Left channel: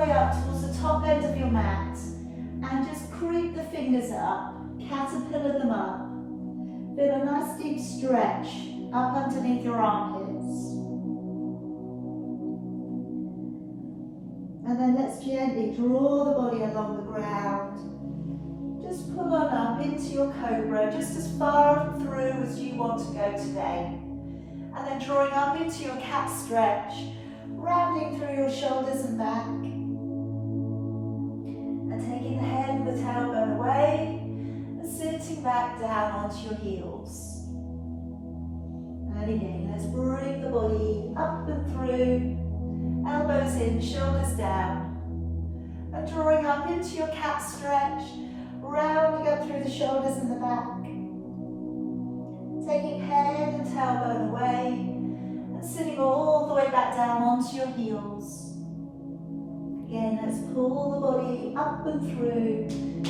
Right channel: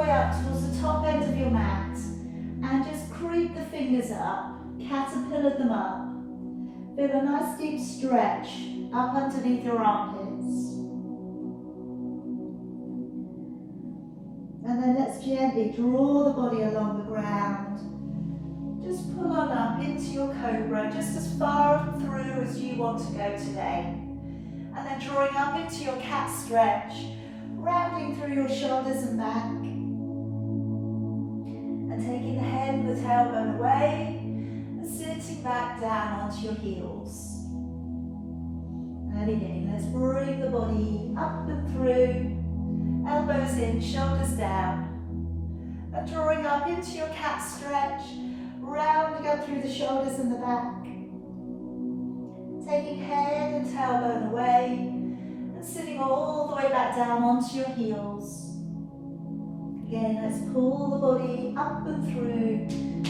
way up towards the top end of your mat and just creep the fingers up, caterpillar them up. Feel a nice deep stretch up underneath your armpits. And then let's gently draw the body along the ground. Just pull on up into your cobra, just as far through as you want to go today. And then drawing up into your cat stretch, rounding through your shoulders and back. And taking the head and the tailbone away, and sitting back down onto your heels. And again, let's bring the body up and through, elbows in, shoulders down. And drawing up into your cat stretch, rounding up through the shoulders and the back. Taking head and tailbone away, and sitting all the way back down onto your heels. Again, let's pull the body up and through,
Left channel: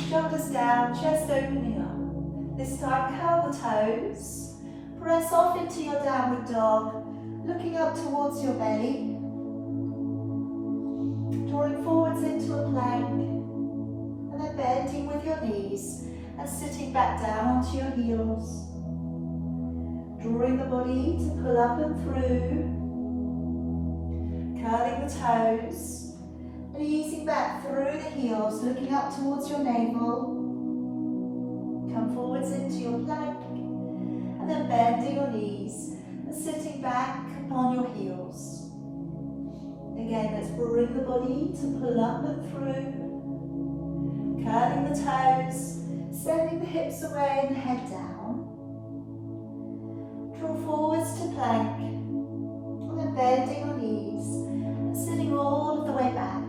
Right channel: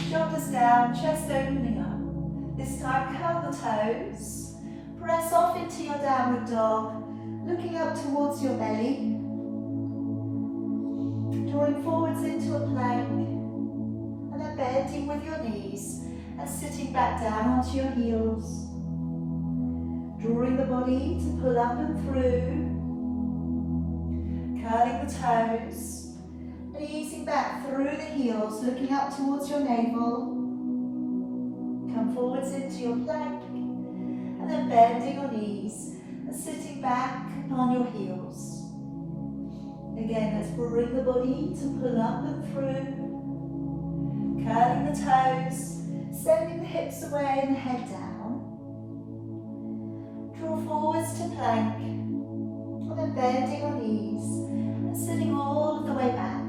shoulders down, chest opening up. This time, curl the toes, press off into your downward dog, looking up towards your belly, drawing forwards into a plank, and then bending with your knees, and sitting back down onto your heels. Drawing the body to pull up and through, curling the toes, and easing back through the heels, looking up towards your navel. Come forwards into your plank, and then bending your knees, and sitting back upon your heels. Again, let's bring the body to pull up and through, curling the toes, sending the hips away and the head down. Draw forwards to plank, and then bending your knees, and sitting all of the way back.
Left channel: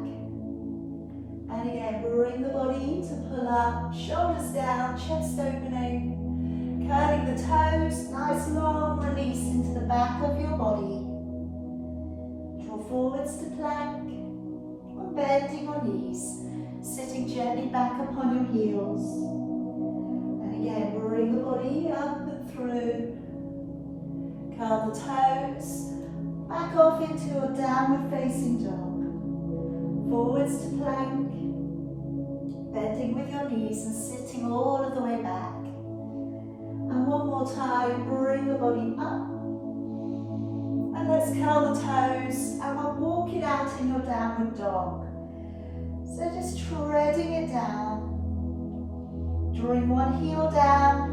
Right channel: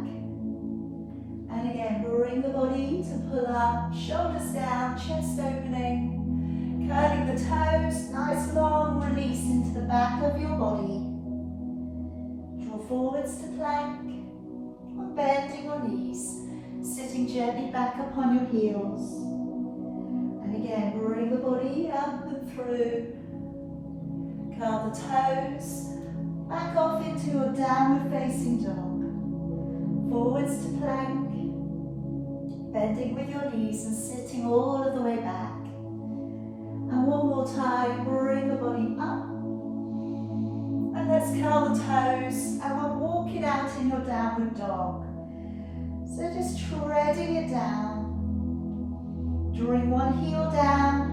And again, bring the body to pull up, shoulders down, chest opening, curling the toes, nice long release into the back of your body. Draw forwards to plank, and bending your knees, sitting gently back upon your heels. And again, bring the body up and through, curl the toes, back off into a downward facing dog. Forwards to plank, bending with your knees and sitting all of the way back. And one more time, bring the body up. And let's curl the toes, and we'll walk it out in your downward dog. So just treading it down, drawing one heel down,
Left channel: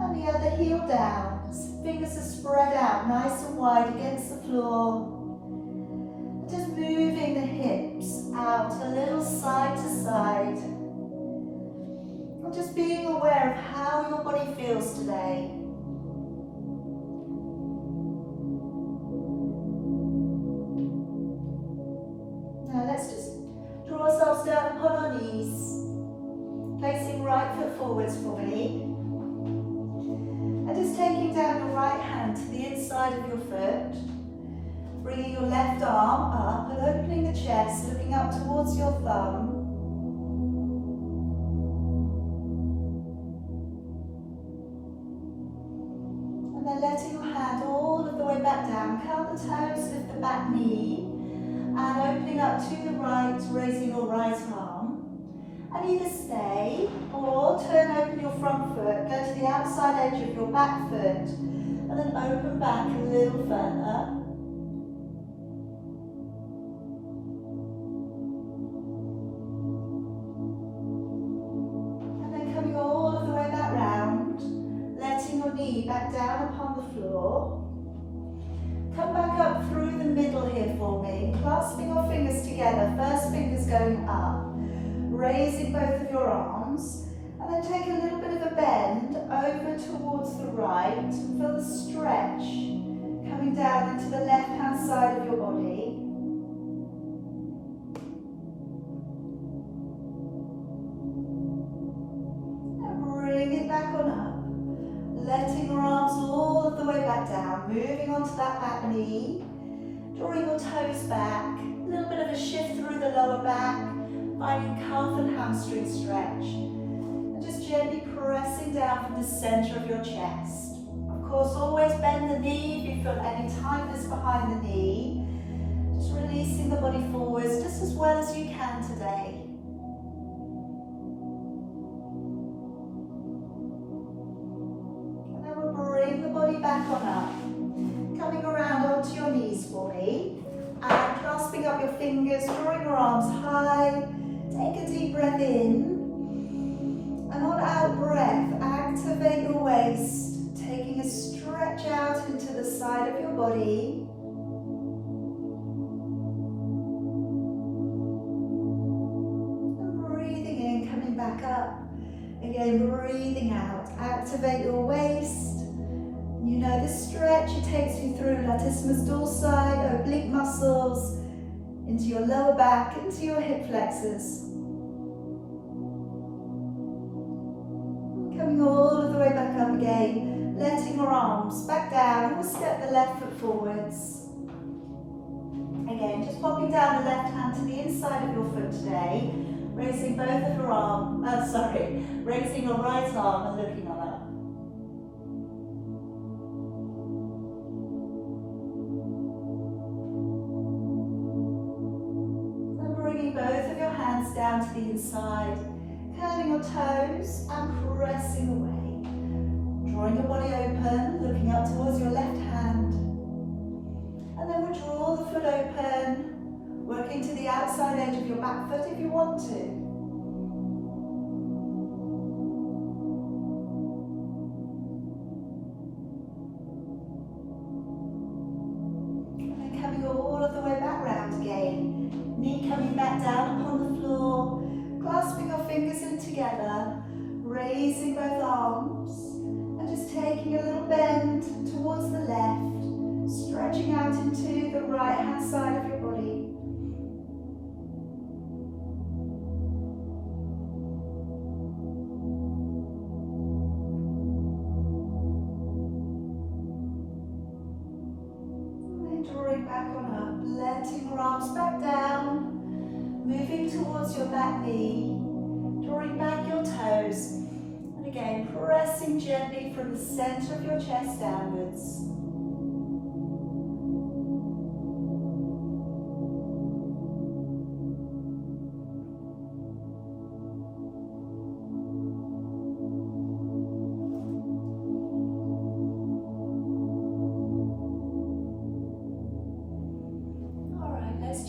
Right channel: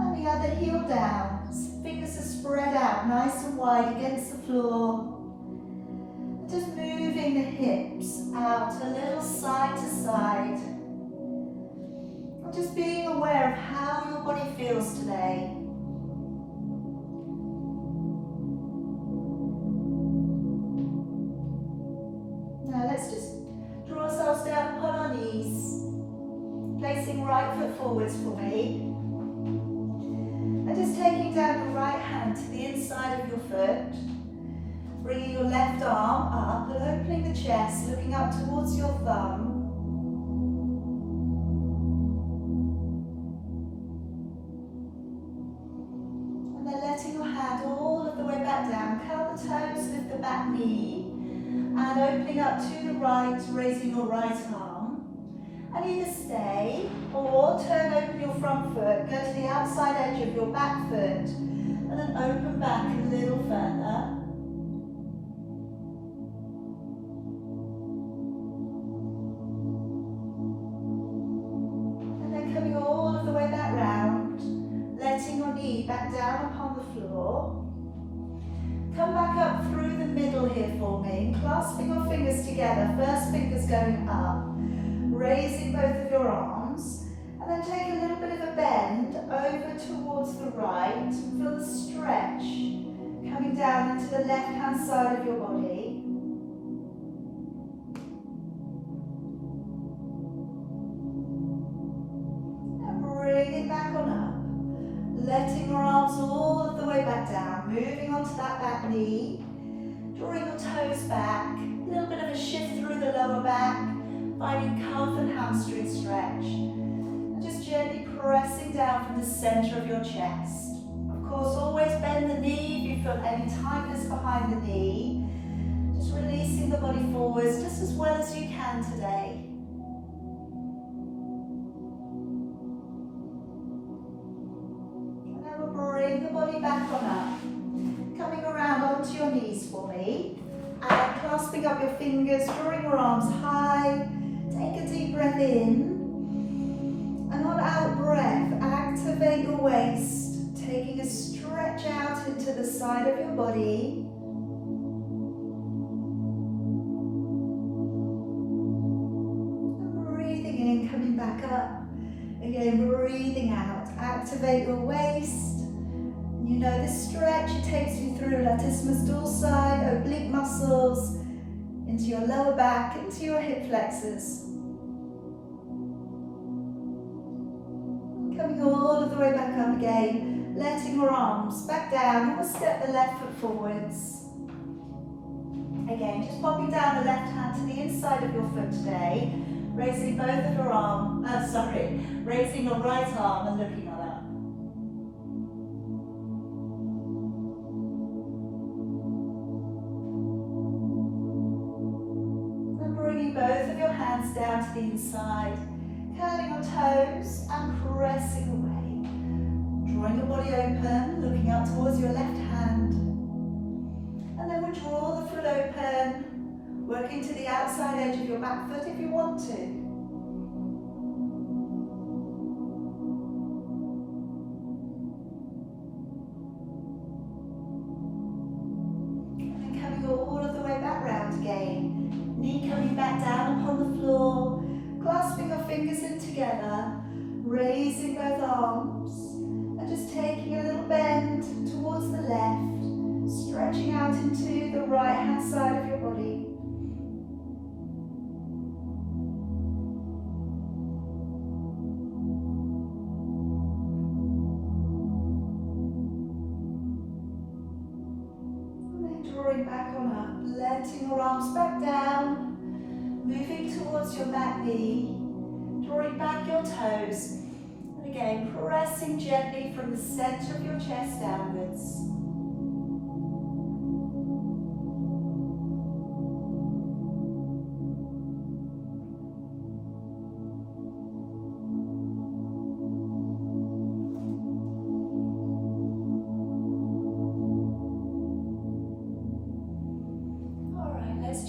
and the other heel down. Fingers are spread out nice and wide against the floor. Just moving the hips out a little side to side. And just being aware of how your body feels today. Now let's just draw ourselves down upon our knees. Placing right foot forwards for me. And just taking down the right hand to the inside of your foot. Bringing your left arm up and opening the chest, looking up towards your thumb. And then letting your hand all of the way back down. Curl the toes with the back knee. And opening up to the right, raising your right arm. And either stay or turn open your front foot, go to the outside edge of your back foot, and then open back a little further. And then coming all of the way back round, letting your knee back down upon the floor. Come back up through the middle here for me, clasping your fingers together, first fingers going up. Raising both of your arms, and then take a little bit of a bend over towards the right. Feel the stretch coming down into the left-hand side of your body. And bring it back on up. Letting your arms all of the way back down, moving onto that back knee. Drawing your toes back, a little bit of a shift through the lower back. Finding calf and hamstring stretch, and just gently pressing down from the center of your chest. Of course, always bend the knee if you feel any tightness behind the knee. Just releasing the body forwards just as well as you can today. And then we'll bring the body back on up. Coming around onto your knees for me. And clasping up your fingers, drawing your arms high. Take a deep breath in. And on out breath, activate your waist. Taking a stretch out into the side of your body. Back up. Again, breathing out. Activate your waist. You know the stretch, it takes you through latissimus dorsi, oblique muscles, into your lower back, into your hip flexors. Coming all of the way back up again, letting your arms back down. We'll step the left foot forwards. Again, just popping down the left hand to the inside of your foot today. Raising both of your arms, raising your right arm and looking on up. And bringing both of your hands down to the inside, curling your toes and pressing away. Drawing your body open, looking up towards your left hand. And then we draw the foot open. Working to the outside edge of your back foot if you want to. And then coming all of the way back round again. Knee coming back down upon the floor. Clasping your fingers in together. Raising both arms. And just taking a little bend towards the left. Stretching out into the right hand side of your body. Back on up, letting your arms back down, moving towards your back knee, drawing back your toes, and again pressing gently from the center of your chest downwards.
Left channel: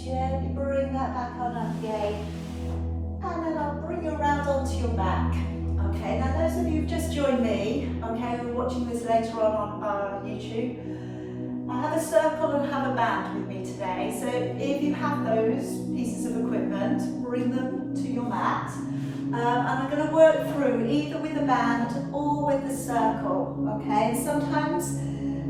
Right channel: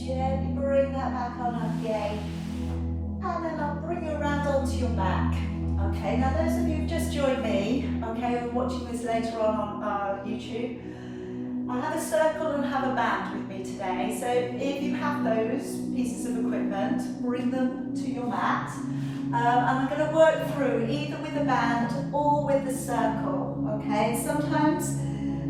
Gently bring that back on up again, and then I'll bring you around onto your back. Okay, now those of you who've just joined me, okay, who are watching this later on YouTube, I have a circle and have a band with me today. So if you have those pieces of equipment, bring them to your mat. And I'm going to work through either with the band or with the circle. Okay, and sometimes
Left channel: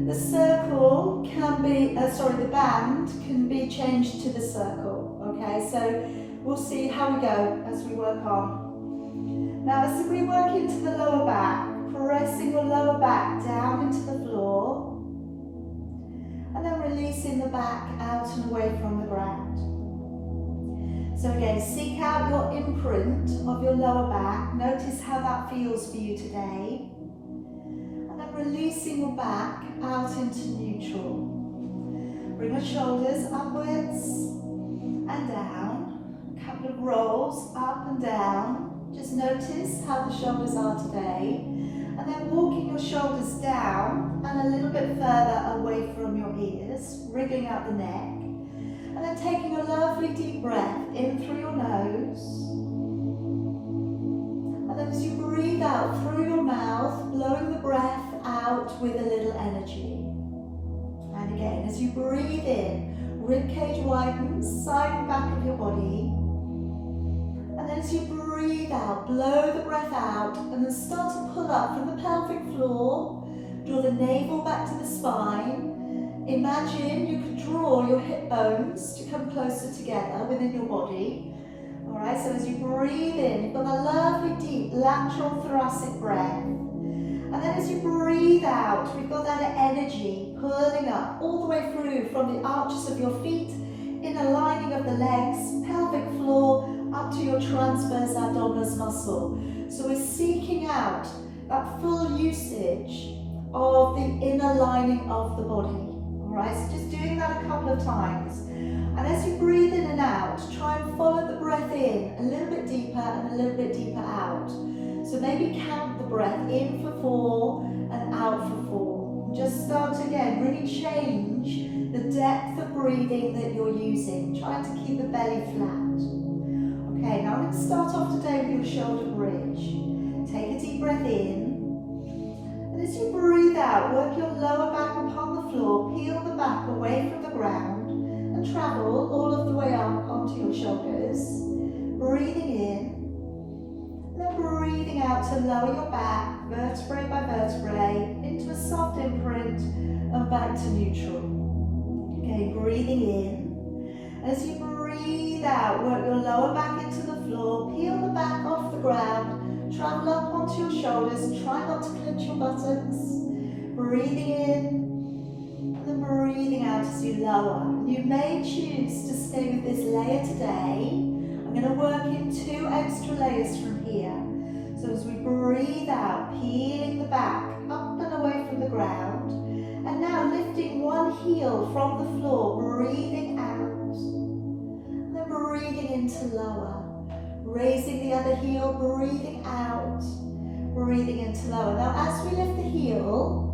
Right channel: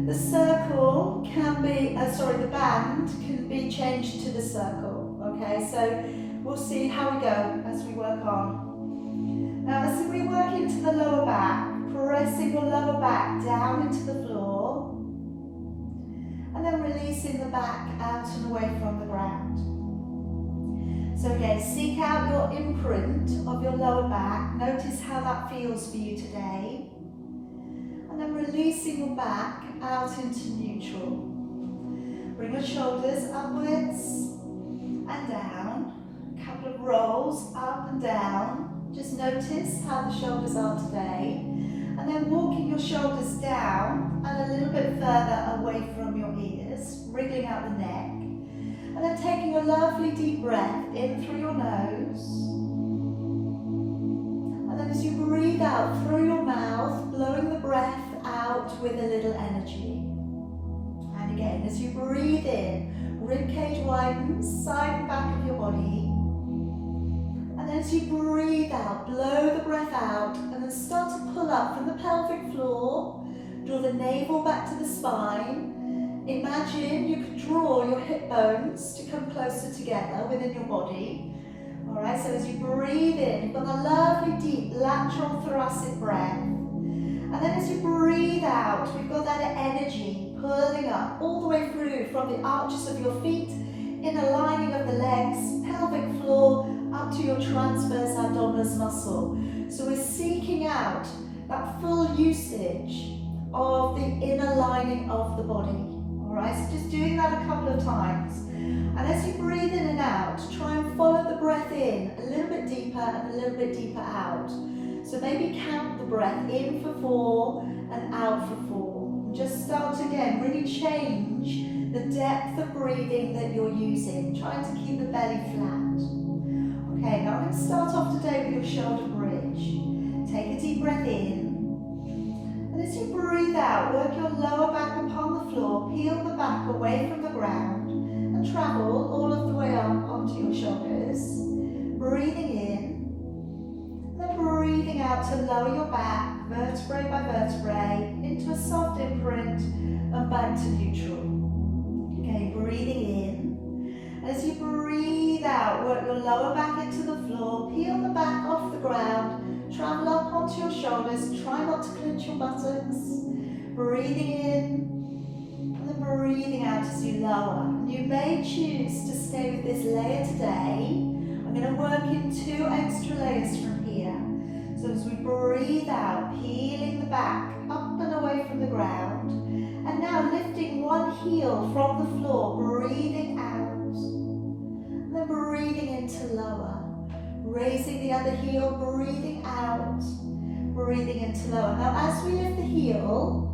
the circle can be, the band can be changed to the circle, okay? So we'll see how we go as we work on. Now as we work into the lower back, pressing your lower back down into the floor, and then releasing the back out and away from the ground. So again, seek out your imprint of your lower back. Notice how that feels for you today. And then releasing your back out into neutral. Bring your shoulders upwards and down. A couple of rolls up and down. Just notice how the shoulders are today. And then walking your shoulders down and a little bit further away from your ears, wriggling out the neck. And then taking a lovely deep breath in through your nose. And then as you breathe out through your mouth, blowing the breath out with a little energy. And again, as you breathe in, ribcage widens, side and back of your body. And then as you breathe out, blow the breath out, and then start to pull up from the pelvic floor. Draw the navel back to the spine. Imagine you could draw your hip bones to come closer together within your body. Alright, so as you breathe in, you've got a lovely deep lateral thoracic breath. And then as you breathe out, we've got that energy pulling up all the way through from the arches of your feet, in a lining of the legs, pelvic floor, up to your transverse abdominis muscle. So we're seeking out that full usage of the inner lining of the body. Alright, so just doing that a couple of times. And as you breathe in and out, try and follow the breath in a little bit deeper and a little bit deeper out. So maybe count the breath in for 4 and out for 4. Just start again, really change the depth of breathing that you're using, trying to keep the belly flat. Okay, now I'm going to start off today with your shoulder bridge. Take a deep breath in. And as you breathe out, work your lower back upon the floor, peel the back away from the ground, and travel all of the way up onto your shoulders. Breathing in. Then breathing out to lower your back, vertebrae by vertebrae, into a soft imprint and back to neutral. Okay, breathing in. As you breathe out, work your lower back into the floor, peel the back off the ground, travel up onto your shoulders, try not to clench your buttocks. Breathing in, and then breathing out as you lower. You may choose to stay with this layer today. I'm going to work in 2 extra layers from here. So as we breathe out, peeling the back up and away from the ground, and now lifting one heel from the floor, breathing out, and then breathing into lower, raising the other heel, breathing out, breathing into lower. Now as we lift the heel,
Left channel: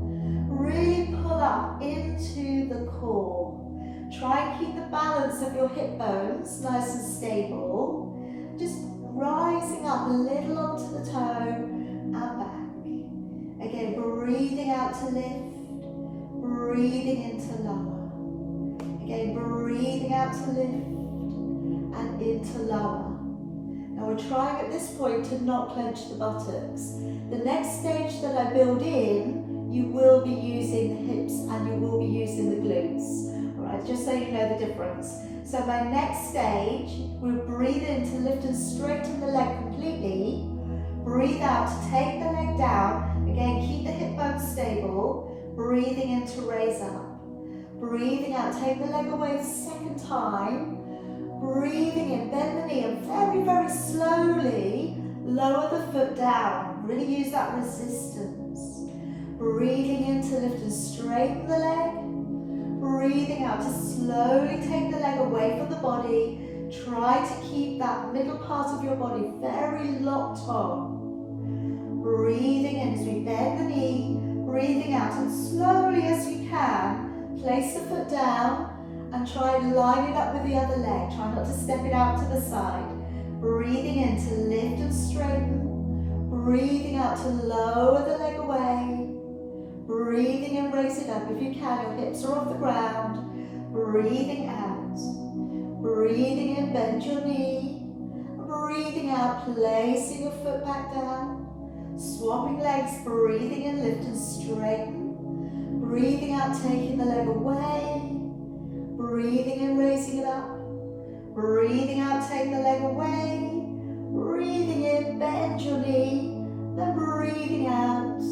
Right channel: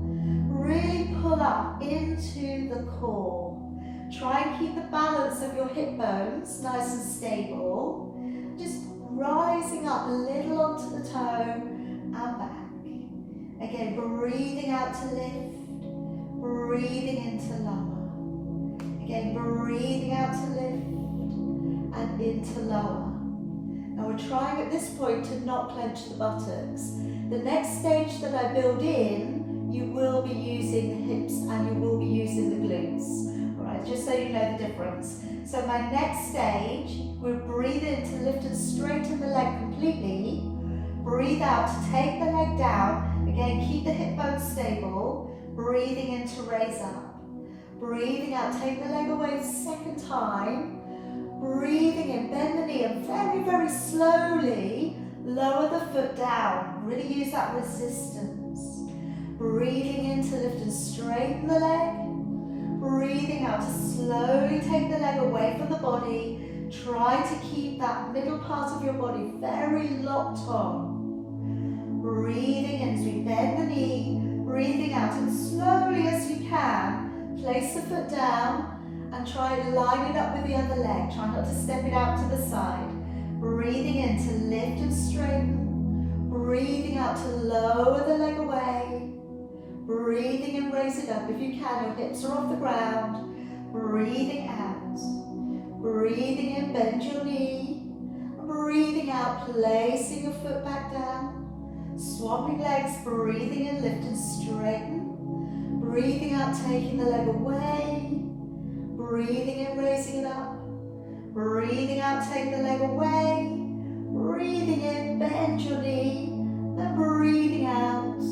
really pull up into the core. Try and keep the balance of your hip bones nice and stable. Just rising up a little onto the toe and back. Again, breathing out to lift, breathing into lower. Again, breathing out to lift and into lower. Now we're trying at this point to not clench the buttocks. The next stage that I build in, you will be using the hips and you will be using the glutes. Alright, just so you know the difference. So my next stage, we'll breathe in to lift and straighten the leg completely. Breathe out to take the leg down. Again, keep the hip bones stable. Breathing in to raise up. Breathing out, take the leg away the second time. Breathing in, bend the knee and very, very slowly lower the foot down. Really use that resistance. Breathing in to lift and straighten the leg. Breathing out to slowly take the leg away from the body. Try to keep that middle part of your body very locked on. Breathing in as we bend the knee. Breathing out and slowly as you can, place the foot down and try and line it up with the other leg. Try not to step it out to the side. Breathing in to lift and straighten. Breathing out to lower the leg away. Breathing and raise it up. If you can, your hips are off the ground. Breathing out. Breathing in, bend your knee. Breathing out, placing your foot back down. Swapping legs, breathing in, lift and straighten. Breathing out, taking the leg away. Breathing in, raising it up. Breathing out, take the leg away. Breathing in, bend your knee. Then breathing out.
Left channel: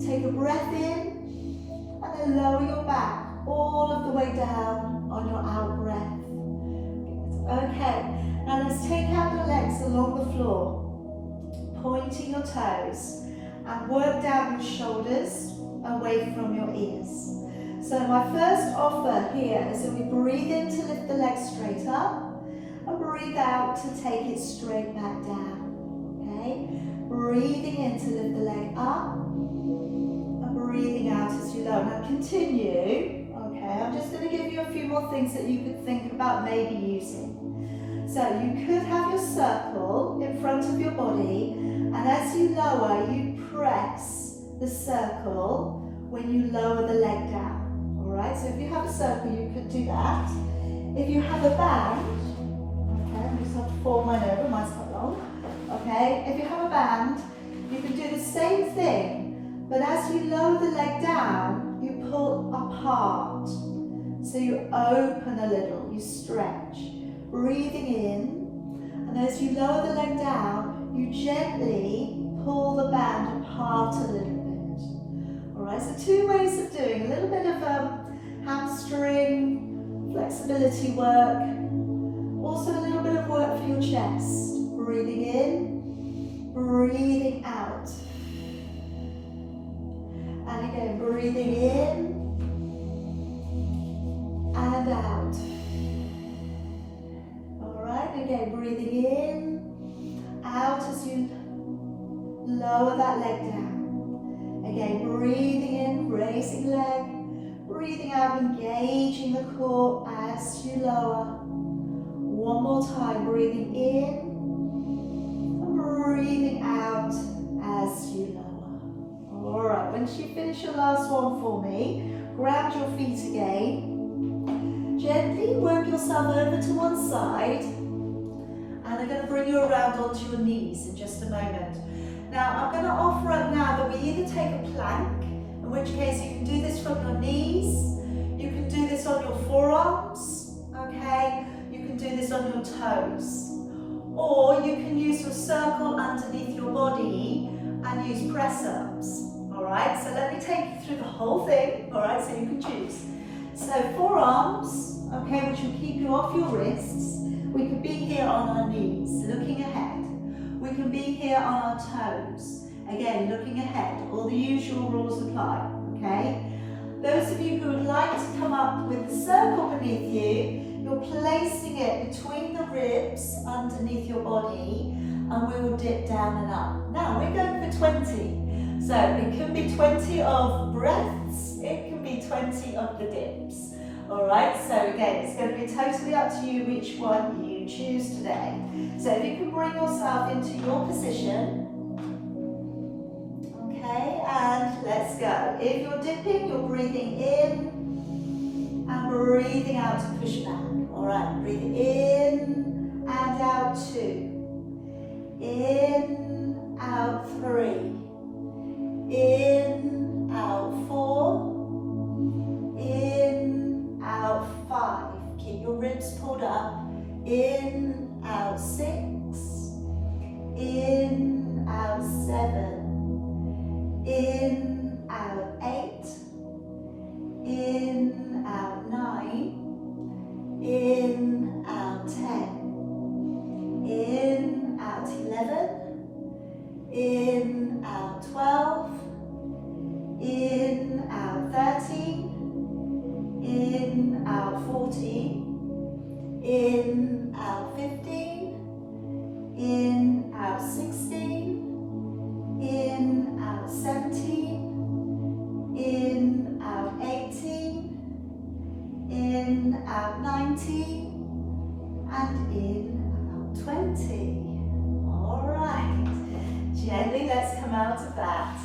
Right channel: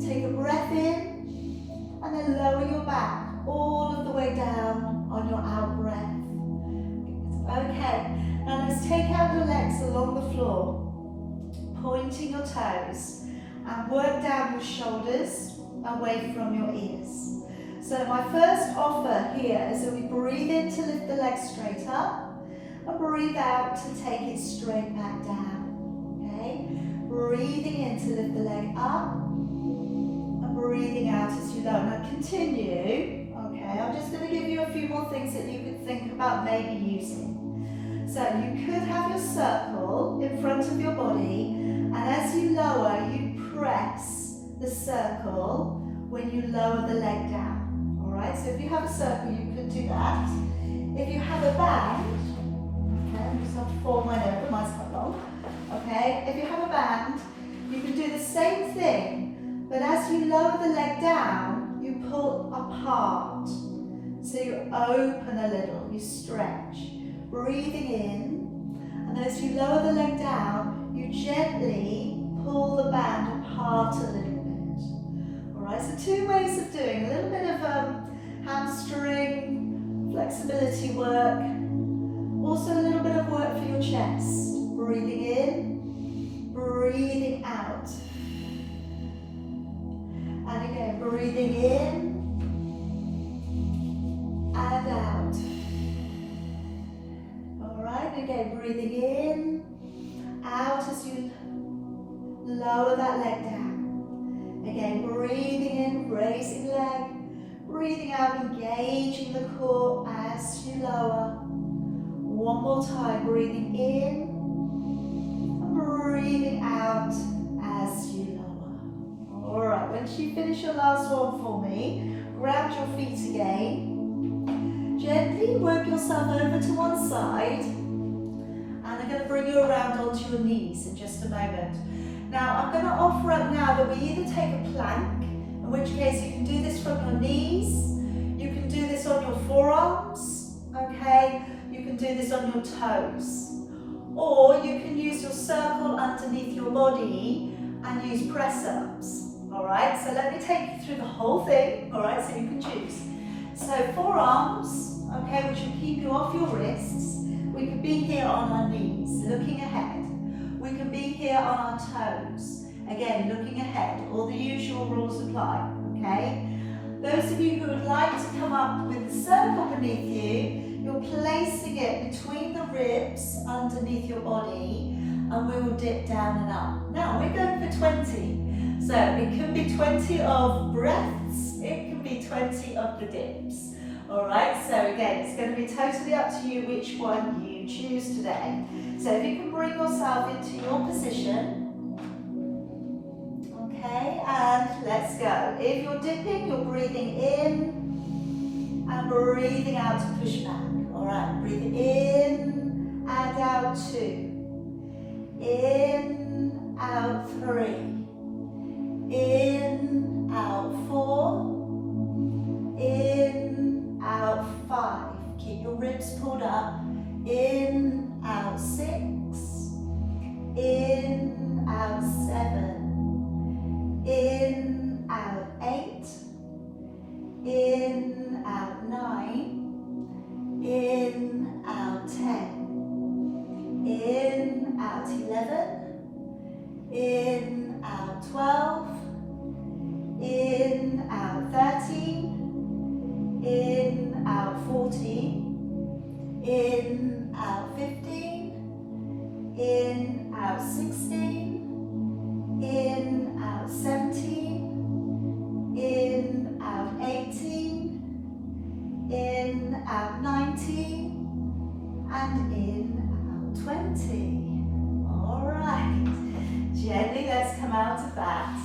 Take a breath in. And then lower your back all of the way down on your out breath. Okay, now let's take out the legs along the floor. Pointing your toes. And work down your shoulders away from your ears. So my first offer here is that we breathe in to lift the leg straight up. And breathe out to take it straight back down. Okay? Breathing in to lift the leg up. And breathing out as you lower. Now continue. Okay, I'm just going to give you a few more things that you could think about maybe using. So you could have your circle in front of your body. And as you lower, you press the circle when you lower the leg down. Alright, so if you have a circle, you could do that. If you have a band, okay, I just have to fold mine over, mine's quite long. Okay, if you have a band, you can do the same thing, but as you lower the leg down, you pull apart. So you open a little, you stretch. Breathing in, and as you lower the leg down, you gently pull the band apart a little bit. Alright, so 2 ways of doing a little bit of hamstring, flexibility work, also a little bit of work for your chest. Breathing in, breathing out. And again, breathing in, and out. All right, again, breathing in, out as you lower that leg down. Again, breathing in, raising leg, breathing out, engaging the core as you lower. One more time, breathing in and breathing out as you lower. All right, once you finish your last one for me, grab your feet again. Gently work yourself over to one side, and I'm going to bring you around onto your knees in just a moment. Now, I'm going to offer up now that we either take a plank, in which case you can do this from your knees, you can do this on your forearms, okay? You can do this on your toes, or you can use your circle underneath your body and use press-ups, all right? So let me take you through the whole thing, all right, so you can choose. So forearms, okay, which will keep you off your wrists. We could be here on our knees, looking ahead. We can be here on our toes, again, looking ahead. All the usual rules apply, okay? Those of you who would like to come up with the circle beneath you, you're placing it between the ribs underneath your body, and we will dip down and up. Now, we're going for 20. So it can be 20 of breaths, it can be 20 of the dips. All right, so again, it's going to be totally up to you which one you choose today. So if you can bring yourself into your position, okay, and let's go. If you're dipping, you're breathing in and breathing out to push back. All right, breathing in and out 2. In, out 3. In, out 4. In, out 5. Keep your ribs pulled up. In, out 6. In, out 7. In, out 8. In, out 9. In, out 10. In, out 11. In, out 12. In, out 13. In, out 14. In, out 15. In, out 16. In, out 17. In, out 18. In, out 19. And in, out 20. All right. Gently, let's come out of that.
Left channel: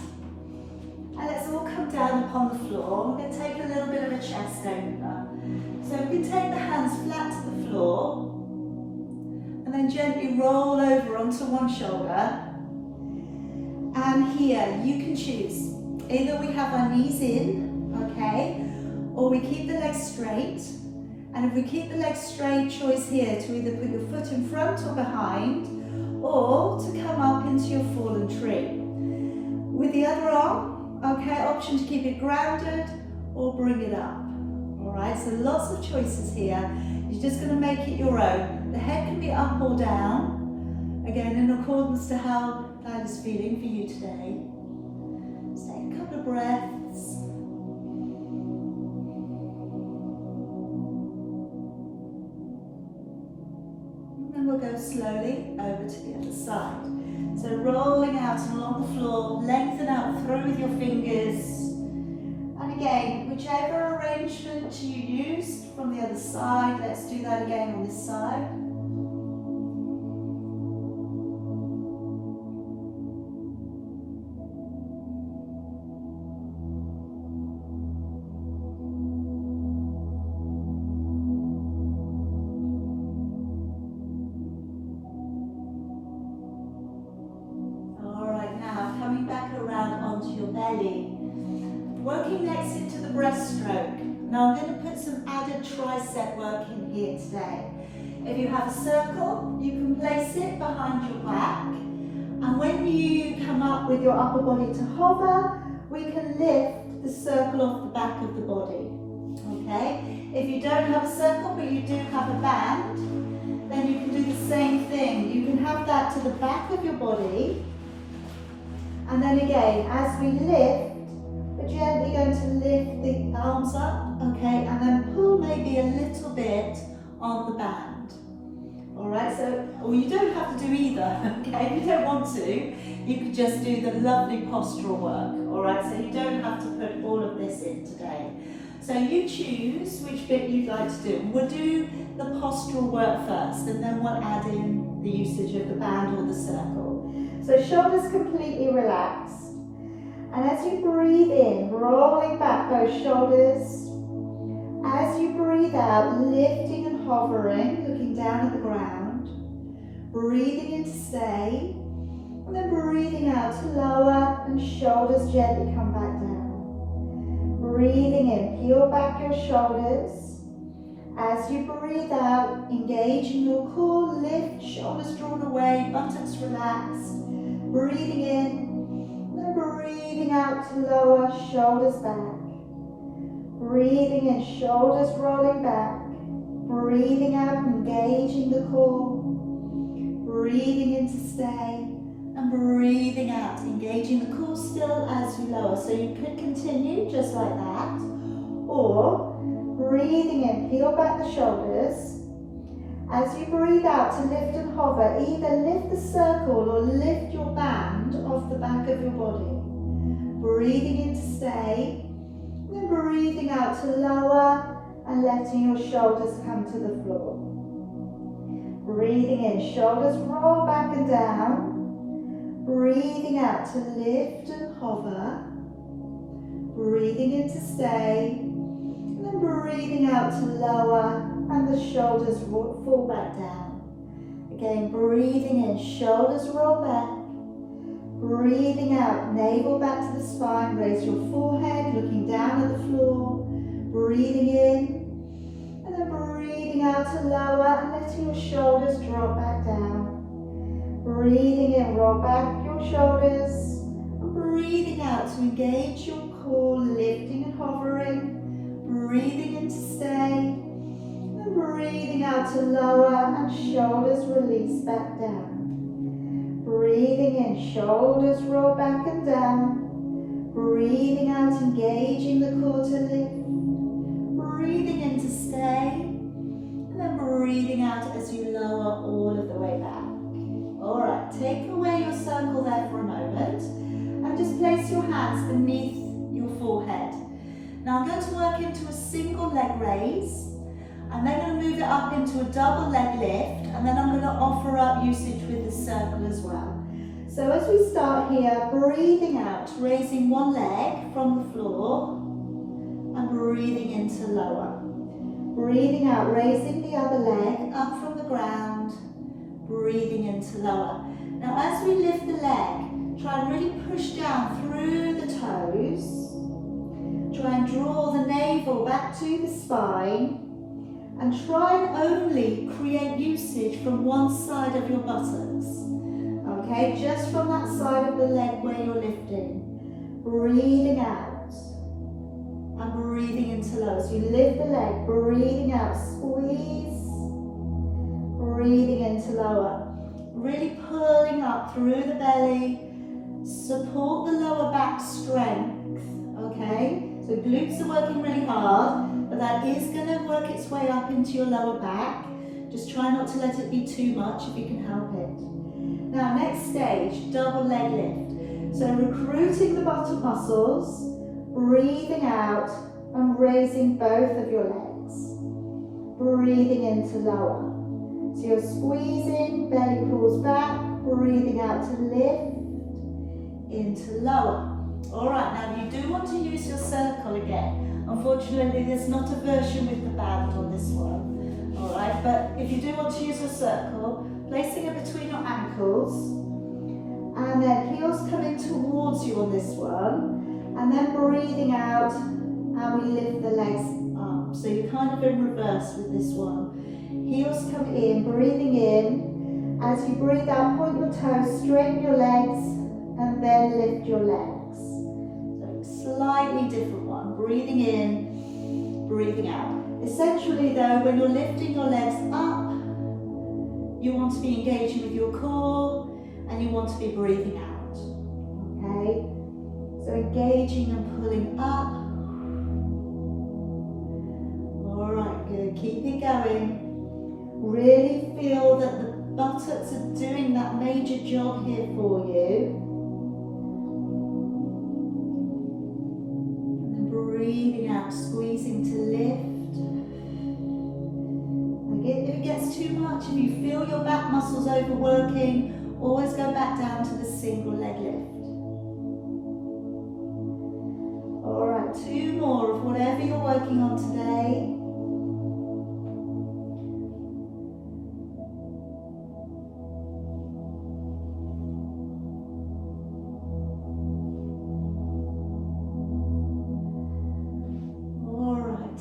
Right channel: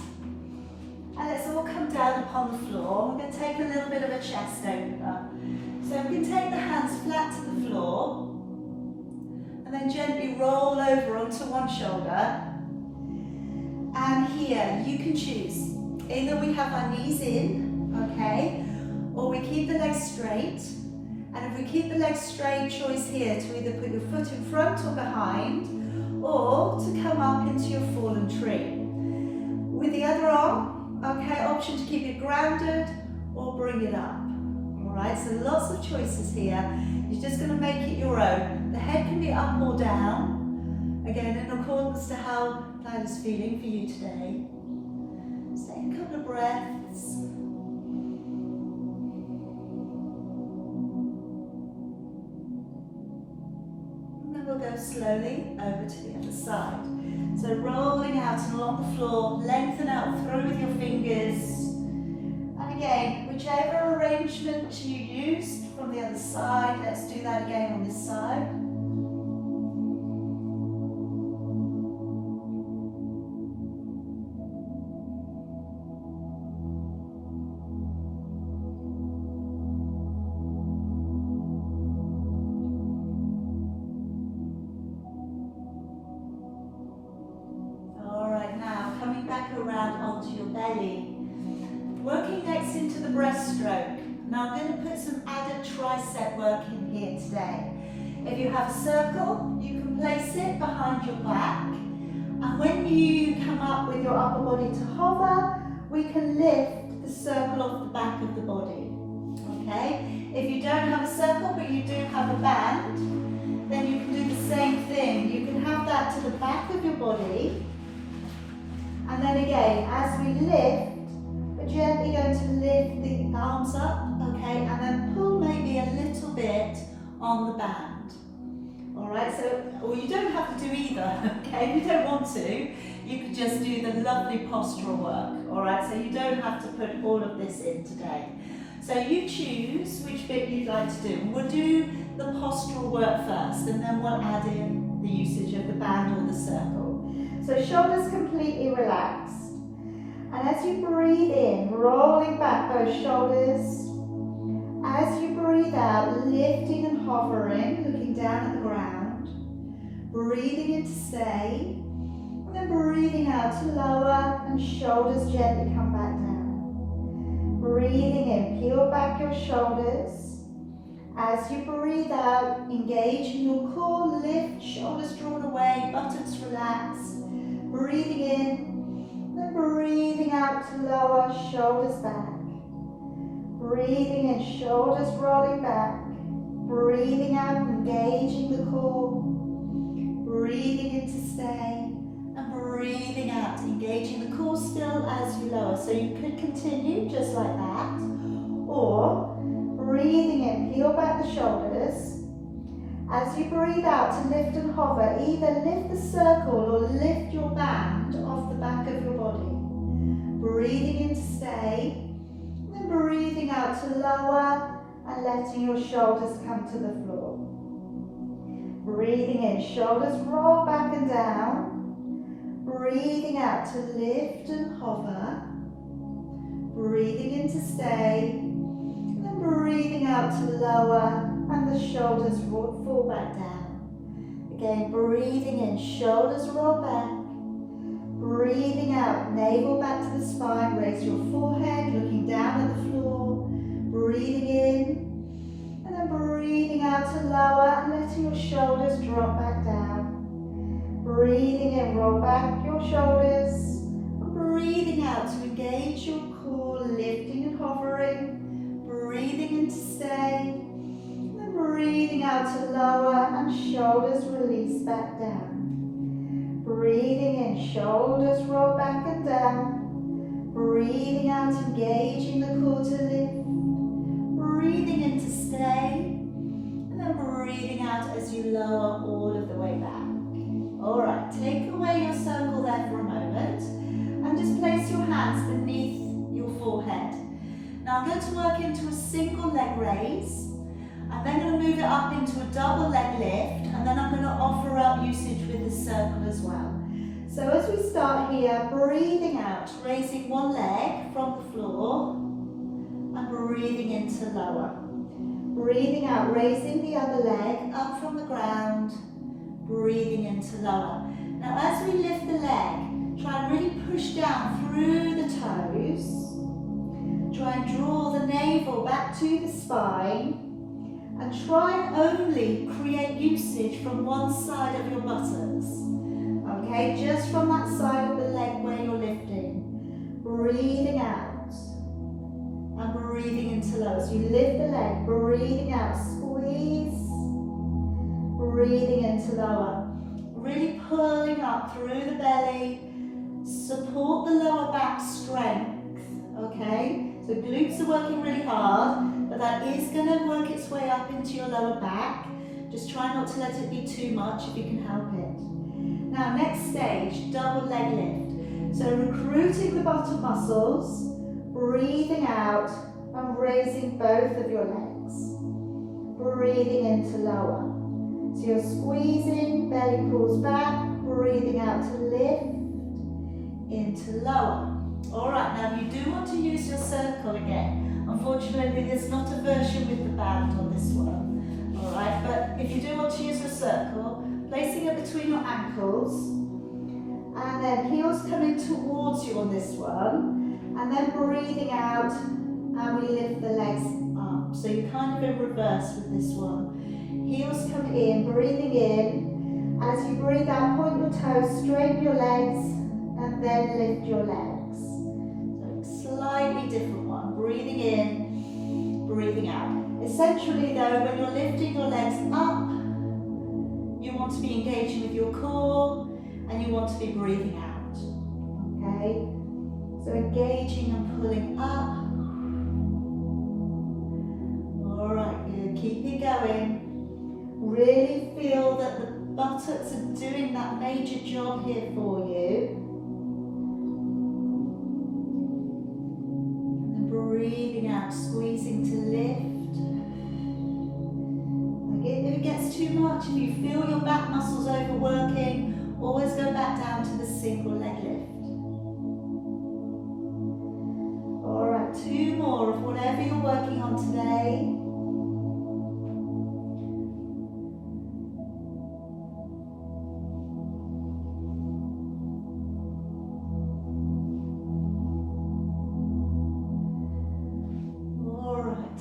And let's all come down upon the floor. We're going to take a little bit of a chest opener. So we can take the hands flat to the floor and then gently roll over onto one shoulder. And here, you can choose. Either we have our knees in, okay, or we keep the legs straight. And if we keep the legs straight, choice here to either put your foot in front or behind, or to come up into your fallen tree. With the other arm, okay, option to keep it grounded or bring it up. All right, so lots of choices here. You're just going to make it your own. The head can be up or down, again, in accordance to how that is feeling for you today. Just take a couple of breaths. We'll go slowly over to the other side. So rolling out and along the floor, lengthen out through with your fingers. And again, whichever arrangement you used from the other side, let's do that again on this side. Working next into the breaststroke. Now I'm going to put some added tricep work in here today. If you have a circle, you can place it behind your back. And when you come up with your upper body to hover, we can lift the circle off the back of the body. Okay? If you don't have a circle, but you do have a band, then you can do the same thing. You can have that to the back of your body. And then again, as we lift, but gently gently going to lift the arms up, okay, and then pull maybe a little bit on the band. Alright, so, or you don't have to do either, okay, if you don't want to, you could just do the lovely postural work, alright, so you don't have to put all of this in today. So you choose which bit you'd like to do. We'll do the postural work first, and then we'll add in the usage of the band or the circle. So shoulders completely relaxed. And as you breathe in, rolling back those shoulders. As you breathe out, lifting and hovering, looking down at the ground. Breathing in to stay. And then breathing out to lower and shoulders gently come back down. Breathing in, peel back your shoulders. As you breathe out, engage in your core, lift, shoulders drawn away, buttocks relaxed. Breathing in, then breathing out to lower, shoulders back. Breathing in, shoulders rolling back. Breathing out, engaging the core. Breathing in to stay. And breathing out, engaging the core still as you lower. So you could continue just like that. Or breathing in, peel back the shoulders. As you breathe out to lift and hover, either lift the circle or lift your band off the back of your body. Breathing in to stay. Then breathing out to lower and letting your shoulders come to the floor. Breathing in, shoulders roll back and down. Breathing out to lift and hover. Breathing in to stay. And then breathing out to lower and the shoulders fall back down. Again, breathing in, shoulders roll back. Breathing out, navel back to the spine, raise your forehead, looking down at the floor. Breathing in, and then breathing out to lower and letting your shoulders drop back down. Breathing in, roll back your shoulders. And breathing out to engage your core, lifting and hovering. Breathing in to stay. And breathing out to lower and shoulders release back down. Breathing in, shoulders roll back and down. Breathing out, engaging the core to lift. Breathing in to stay. And then breathing out as you lower all of the way back. Alright, take away your circle there for a moment. And just place your hands beneath your forehead. Now I'm going to work into a single leg raise. I'm then going to move it up into a double leg lift, and then I'm going to offer up usage with the circle as well. So as we start here, breathing out, raising one leg from the floor, and breathing into lower. Breathing out, raising the other leg up from the ground, breathing into lower. Now as we lift the leg, try and really push down through the toes. Try and draw the navel back to the spine. And try and only create usage from one side of your buttocks. Okay, just from that side of the leg where you're lifting. Breathing out. And breathing into lower. So you lift the leg, breathing out, squeeze. Breathing into lower. Really pulling up through the belly. Support the lower back strength. Okay, so glutes are working really hard. But that is going to work its way up into your lower back. Just try not to let it be too much if you can help it. Now next stage, double leg lift. So recruiting the bottom muscles, breathing out and raising both of your legs. Breathing into lower. So you're squeezing, belly pulls back, breathing out to lift, into lower. Alright, now you do want to use your circle again. Unfortunately, there's not a version with the band on this one. Alright, but if you do want to use a circle, placing it between your ankles, and then heels coming towards you on this one, and then breathing out, and we lift the legs up. So you're kind of in reverse with this one. Heels come in, breathing in. As you breathe out, point your toes, straighten your legs, and then lift your legs. Slightly different one. Breathing in, breathing out. Essentially though, when you're lifting your legs up, you want to be engaging with your core and you want to be breathing out. Okay? So engaging and pulling up keep it going. Really feel that the buttocks are doing that major job here for you. And breathing out, squeezing to lift. Again, if it gets too much, if you feel your back muscles overworking, always go back down to the single leg lift. Alright, 2 more of whatever you're working on today.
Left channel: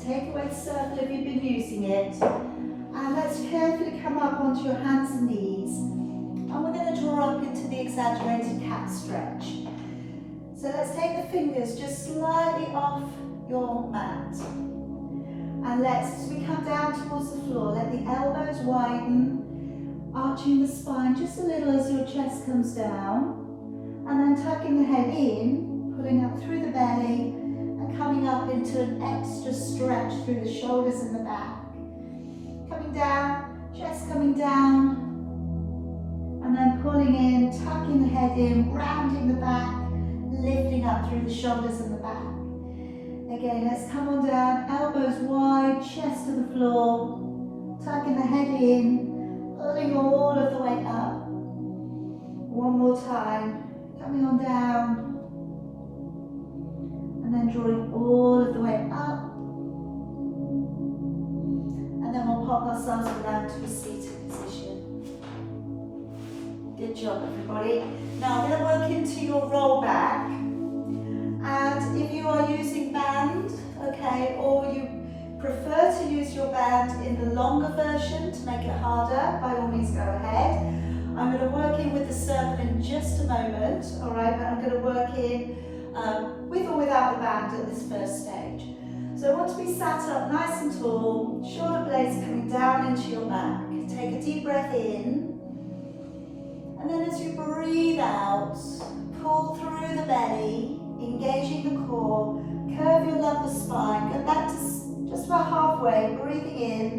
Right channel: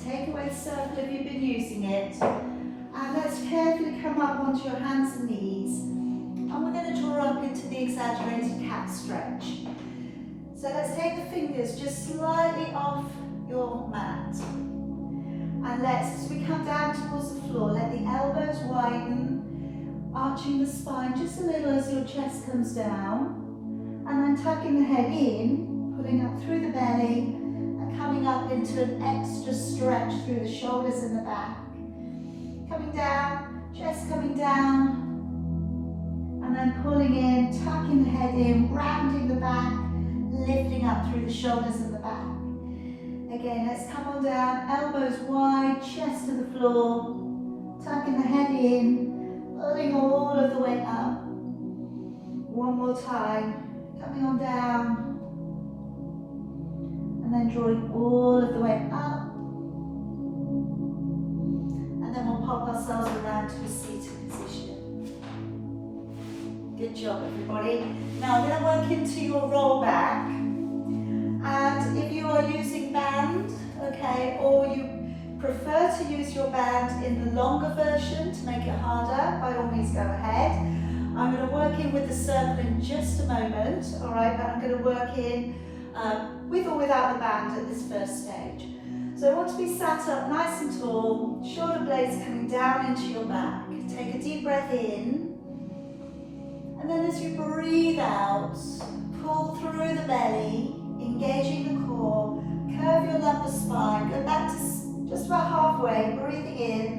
Take away the circle if you've been using it, and let's carefully come up onto your hands and knees, and we're going to draw up into the exaggerated cat stretch. So let's take the fingers just slightly off your mat, and let's, as we come down towards the floor, let the elbows widen, arching the spine just a little as your chest comes down, and then tucking the head in, pulling up through the belly, coming up into an extra stretch through the shoulders and the back. Coming down, chest coming down, and then pulling in, tucking the head in, rounding the back, lifting up through the shoulders and the back. Again, let's come on down, elbows wide, chest to the floor, tucking the head in, pulling all of the way up. One more time, coming on down, and then drawing all of the way up, and then we'll pop ourselves around to a seated position. Good job, everybody. Now we're going to work into your roll back, and if you are using band, okay, or you prefer to use your band in the longer version to make it harder, by all means go ahead. I'm going to work in with the circle in just a moment, all right, but I'm going to work in with or without the band at this first stage. So I want to be sat up nice and tall, shoulder blades coming down into your back. Take a deep breath in, and then as you breathe out, pull through the belly, engaging the core, curve your lumbar spine, go back to just about halfway, breathing in,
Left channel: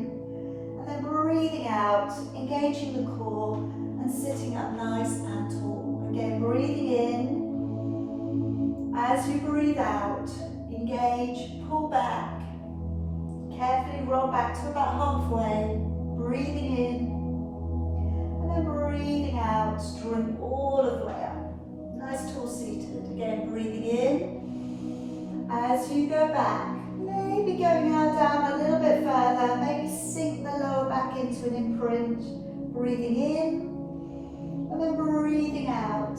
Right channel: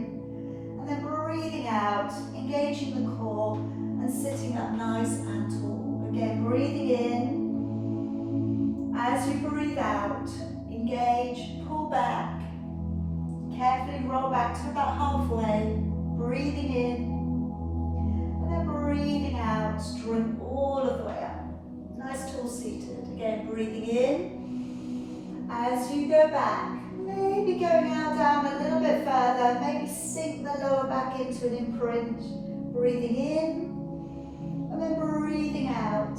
and then breathing out, engaging the core, and sitting up nice and tall. Again, breathing in. As you breathe out, engage, pull back, carefully roll back to about halfway, breathing in, and then breathing out, drawing all of the way up. Nice tall seated. Again, breathing in. As you go back, maybe going out down a little bit further, maybe sink the lower back into an imprint, breathing in, and then breathing out.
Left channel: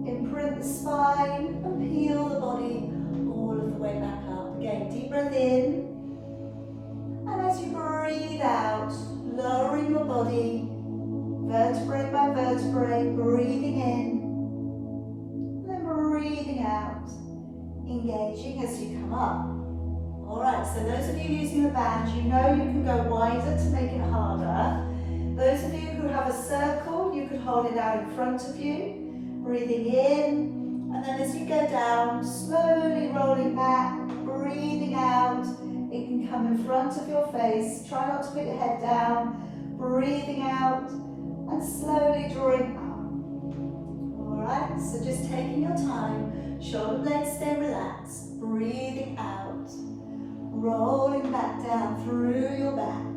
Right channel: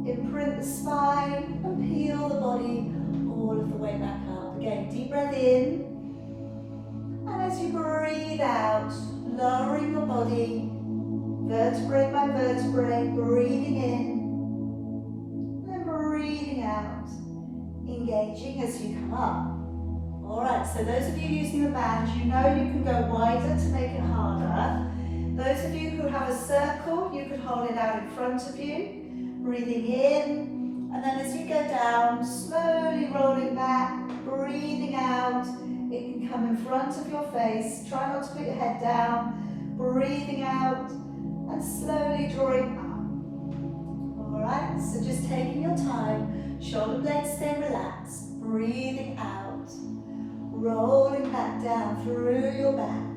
Imprint the spine and peel the body all of the way back up. Again, deep breath in, and as you breathe out, lowering your body, vertebrae by vertebrae, breathing in, and then breathing out, engaging as you come up. Alright, so those of you using the band, you know you can go wider to make it harder. Those of you who have a circle, you can hold it out in front of you. Breathing in, and then as you go down, slowly rolling back, breathing out. It can come in front of your face. Try not to put your head down. Breathing out, and slowly drawing up. Alright, so just taking your time, shoulder blades stay relaxed, breathing out, rolling back down through your back.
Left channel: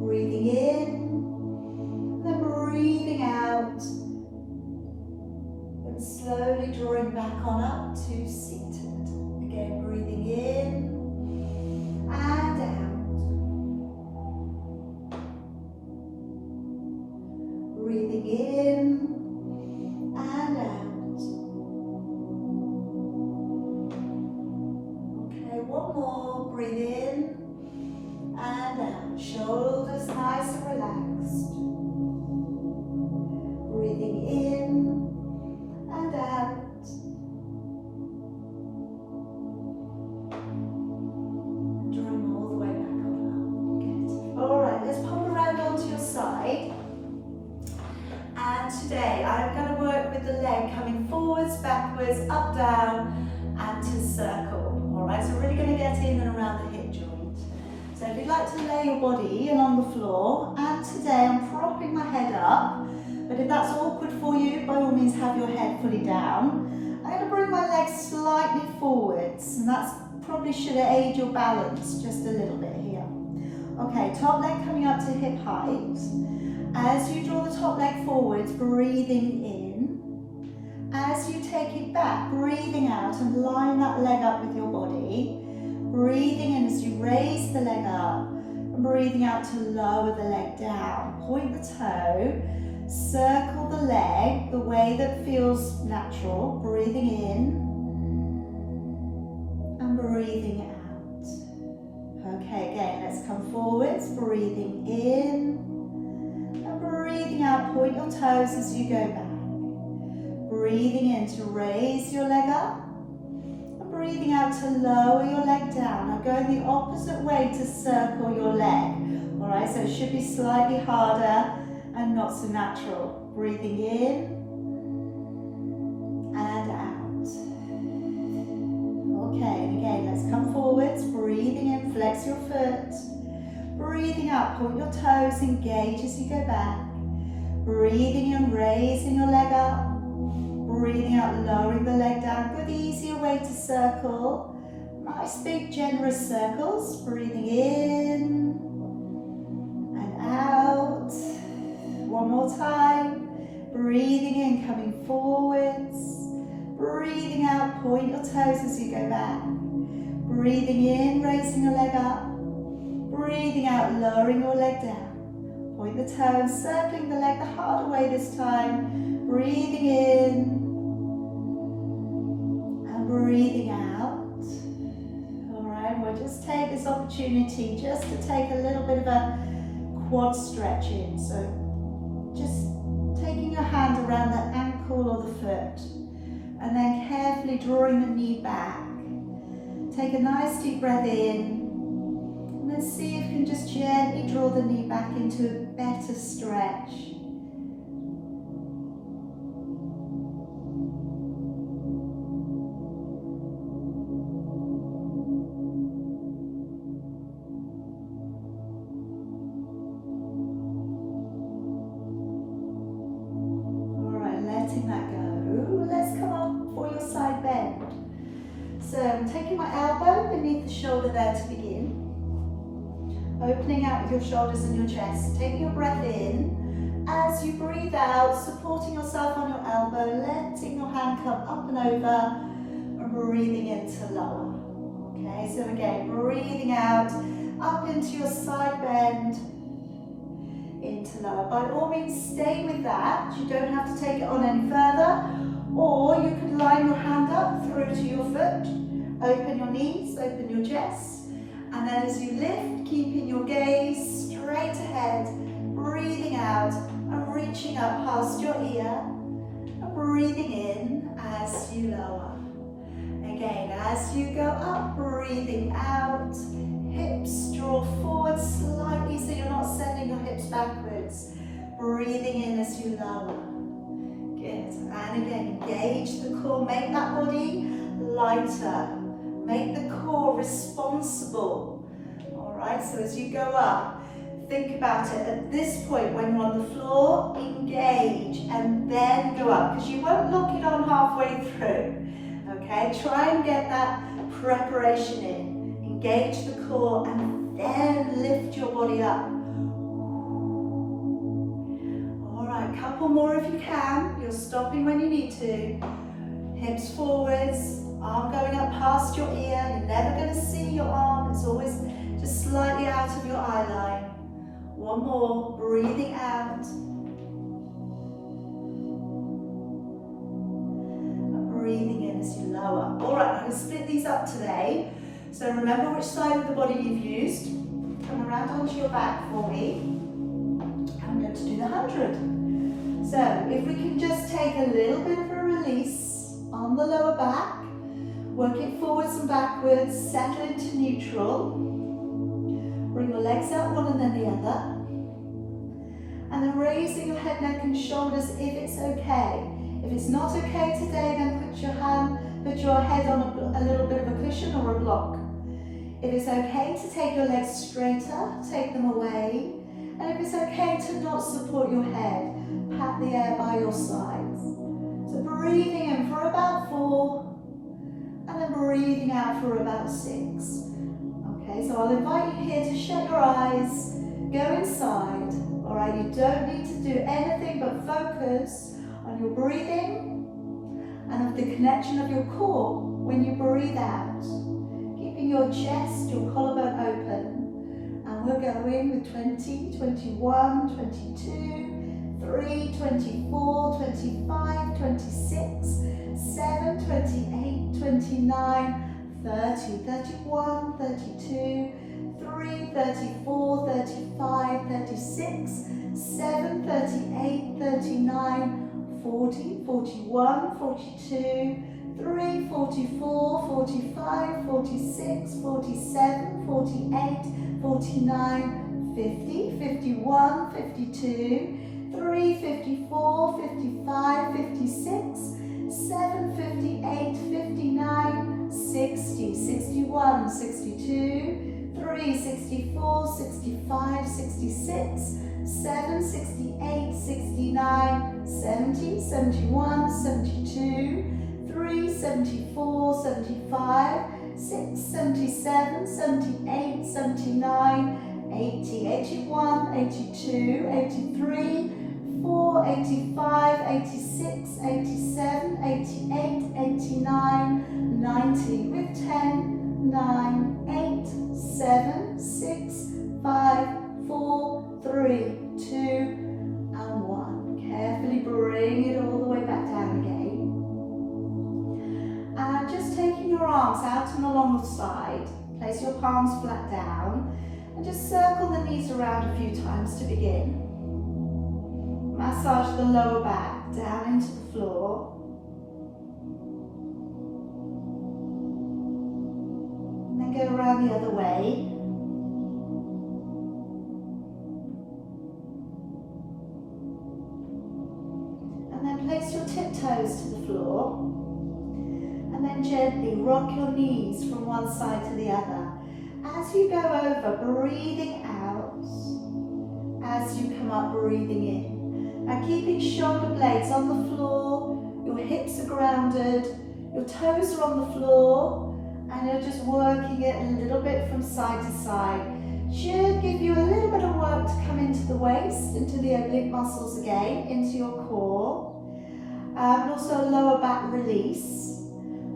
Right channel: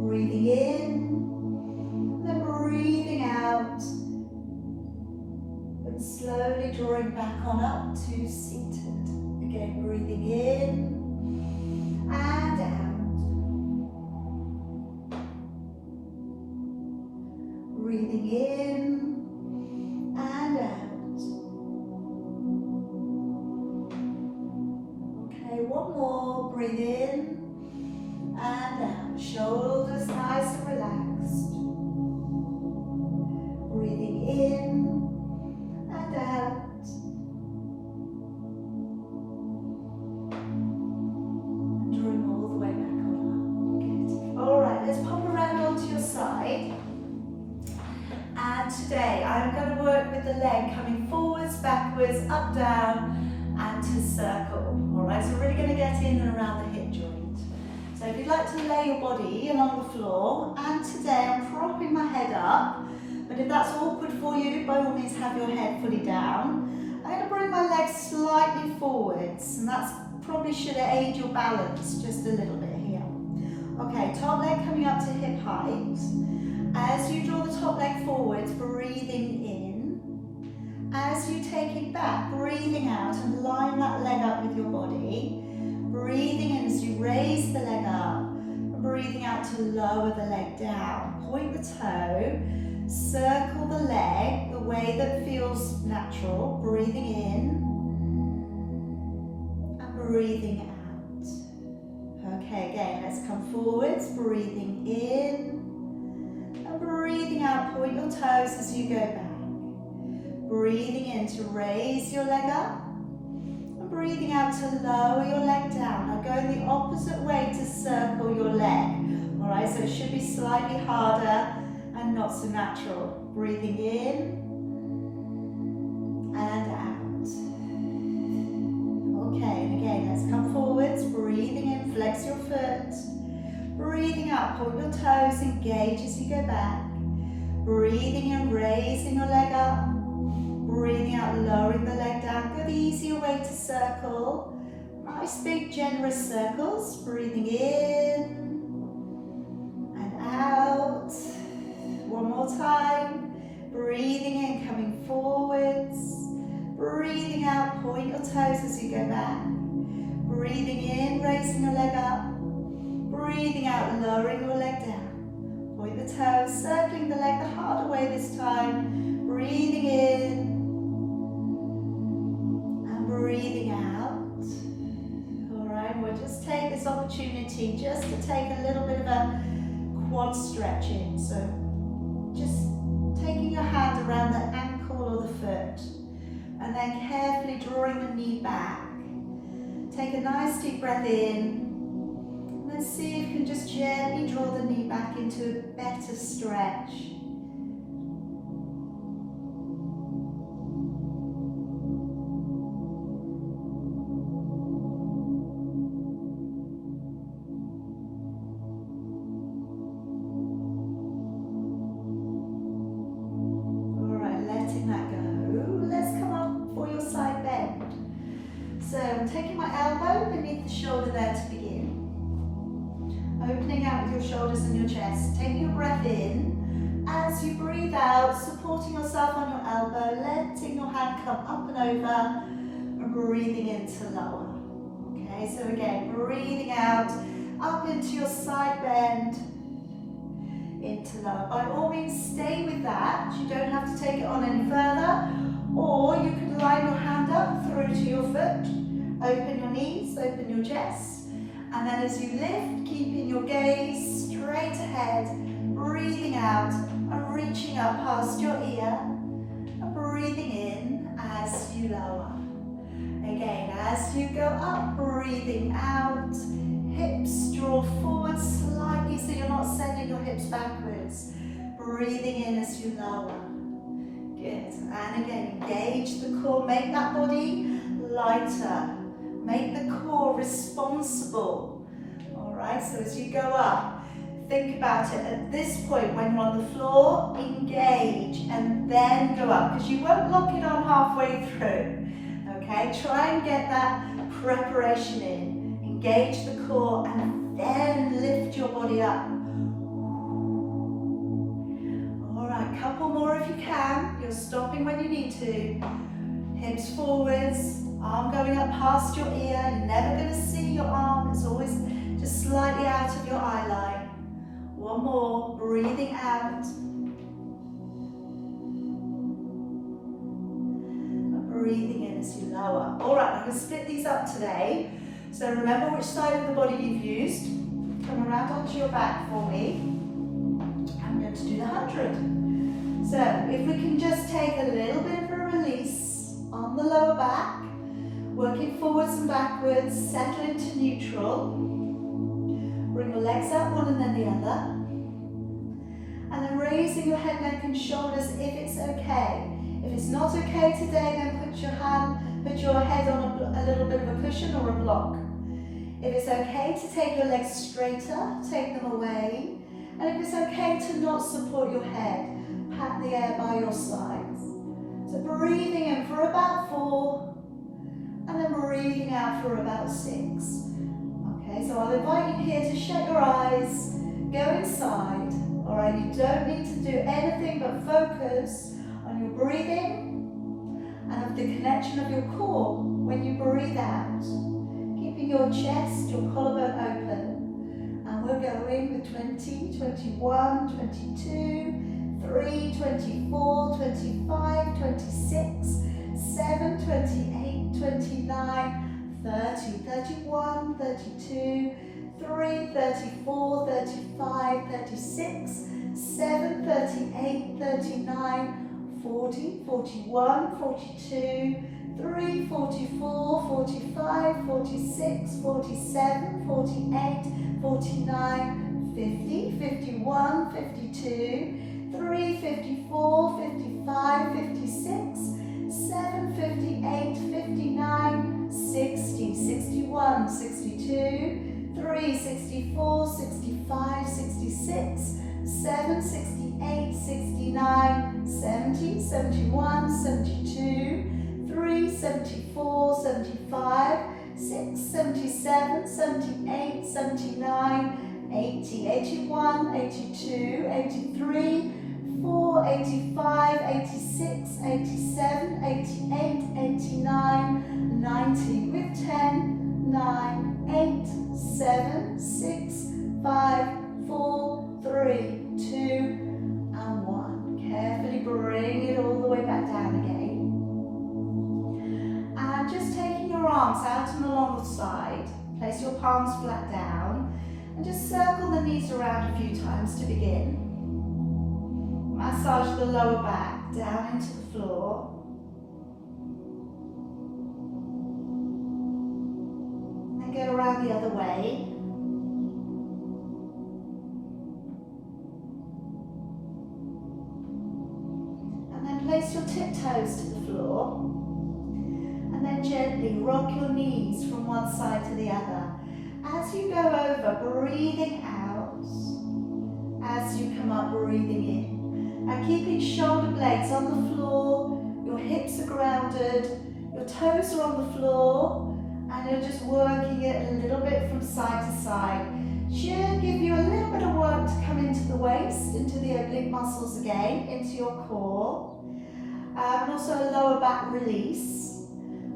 Breathing in, then breathing out. Slowly drawing back on up to seated. Again, breathing in and out. Breathing in and out. Okay, one more. Breathe in and out. Shoulders nice and relaxed. Breathing in and out. Drawing all the way back on up. Good. Alright, let's pop around onto your side. And today I'm going to work with the leg coming forwards, backwards, up, down, and to circle. Alright, so we're really going to get in and around the hip joint. So if you'd like to lay your body along the floor, and today I'm propping my head up, but if that's awkward for you, by all means have your head fully down. I'm going to bring my legs slightly forwards, and that's probably should aid your balance just a little bit here. Okay, top leg coming up to hip height. As you draw the top leg forwards, breathing in. As you take it back, breathing out and line that leg up with your body. Breathing in as you raise the leg up, and breathing out to lower the leg down. Point the toe, circle the leg the way that feels natural. Breathing in and breathing out. Okay, again, let's come forwards, breathing in and breathing out. Point your toes as you go back. Breathing in to raise your leg up. Breathing out to lower your leg down. Now going the opposite way to circle your leg. All right, so it should be slightly harder and not so natural. Breathing in and out. Okay, and again, let's come forwards. Breathing in, flex your foot. Breathing out, point your toes, engage as you go back. Breathing in, raising your leg up. Breathing out, lowering the leg down. Good, easier way to circle. Nice big generous circles. Breathing in and out. One more time. Breathing in, coming forwards. Breathing out, point your toes as you go back. Breathing in, raising your leg up. Breathing out, lowering your leg down. Point the toes, circling the leg the harder way this time. Breathing in. Breathing out. All right, we'll just take this opportunity just to take a little bit of a quad stretch in. So just taking your hand around the ankle or the foot and then carefully drawing the knee back. Take a nice deep breath in and then see if you can just gently draw the knee back into a better stretch. Taking my elbow beneath the shoulder there to begin. Opening out with your shoulders and your chest. Taking a breath in. As you breathe out, supporting yourself on your elbow, letting your hand come up and over, and breathing in to lower. Okay, so again, breathing out, up into your side bend, into lower. By all means, stay with that. You don't have to take it on any further, or you can line your hand up through to your foot. Open your knees, open your chest, and then as you lift, keeping your gaze straight ahead, breathing out and reaching up past your ear, and breathing in as you lower. Again, as you go up, breathing out, hips draw forward slightly so you're not sending your hips backwards. Breathing in as you lower. Good, and again, engage the core, make that body lighter. Make the core responsible. All right, so as you go up, think about it. At this point, when you're on the floor, engage and then go up, because you won't lock it on halfway through. Okay, try and get that preparation in. Engage the core and then lift your body up. All right, couple more if you can. You're stopping when you need to. Hips forwards. Arm going up past your ear. You're never going to see your arm. It's always just slightly out of your eye line. One more. Breathing out. And breathing in as you lower. All right, I'm going to split these up today. So remember which side of the body you've used. Come around onto your back for me. I'm going to do the 100. So if we can just take a little bit of a release on the lower back. Working forwards and backwards, settle into neutral. Bring your legs out, one and then the other. And then raising your head, neck and shoulders if it's okay. If it's not okay today, then put your head on a little bit of a cushion or a block. If it's okay to take your legs straighter, take them away. And if it's okay to not support your head, pat the air by your sides. So breathing in for about 4, and then breathing out for about 6. Okay, so I'll invite you here to shut your eyes, go inside. All right, you don't need to do anything but focus on your breathing and of the connection of your core when you breathe out. Keeping your chest, your collarbone open. And we're going with 20, 21, 22, 3, 24, 25, 26, 7, 28, 29, 30, 31, 32, 3, 34, 35, 36, 7, 38, 39, 40, 41, 42, 3, 44, 45, 46, 47, 48, 49, 50, 51, 52, 3, 54, 55, 56, 7, 58, 59, 60, 61, 62, 3, 64, 65, 66, 7, 68, 69, 70, 71, 72, 3, 74, 75, 6, 77, 78, 79, 80, 81, 82, 83, 4, 85, 86, 87, 88, 89, 90 with 10, 9, 8, 7, 6, 5, 4, 3, 2, and 1. Carefully bring it all the way back down again. And just taking your arms out and along the side, place your palms flat down and just circle the knees around a few times to begin. Massage the lower back down into the floor. And go around the other way. And then place your tiptoes to the floor. And then gently rock your knees from one side to the other. As you go over, breathing out. As you come up, breathing in. And keeping shoulder blades on the floor, your hips are grounded, your toes are on the floor, and you're just working it a little bit from side to side. Should give you a little bit of work to come into the waist, into the oblique muscles again, into your core, and also lower back release.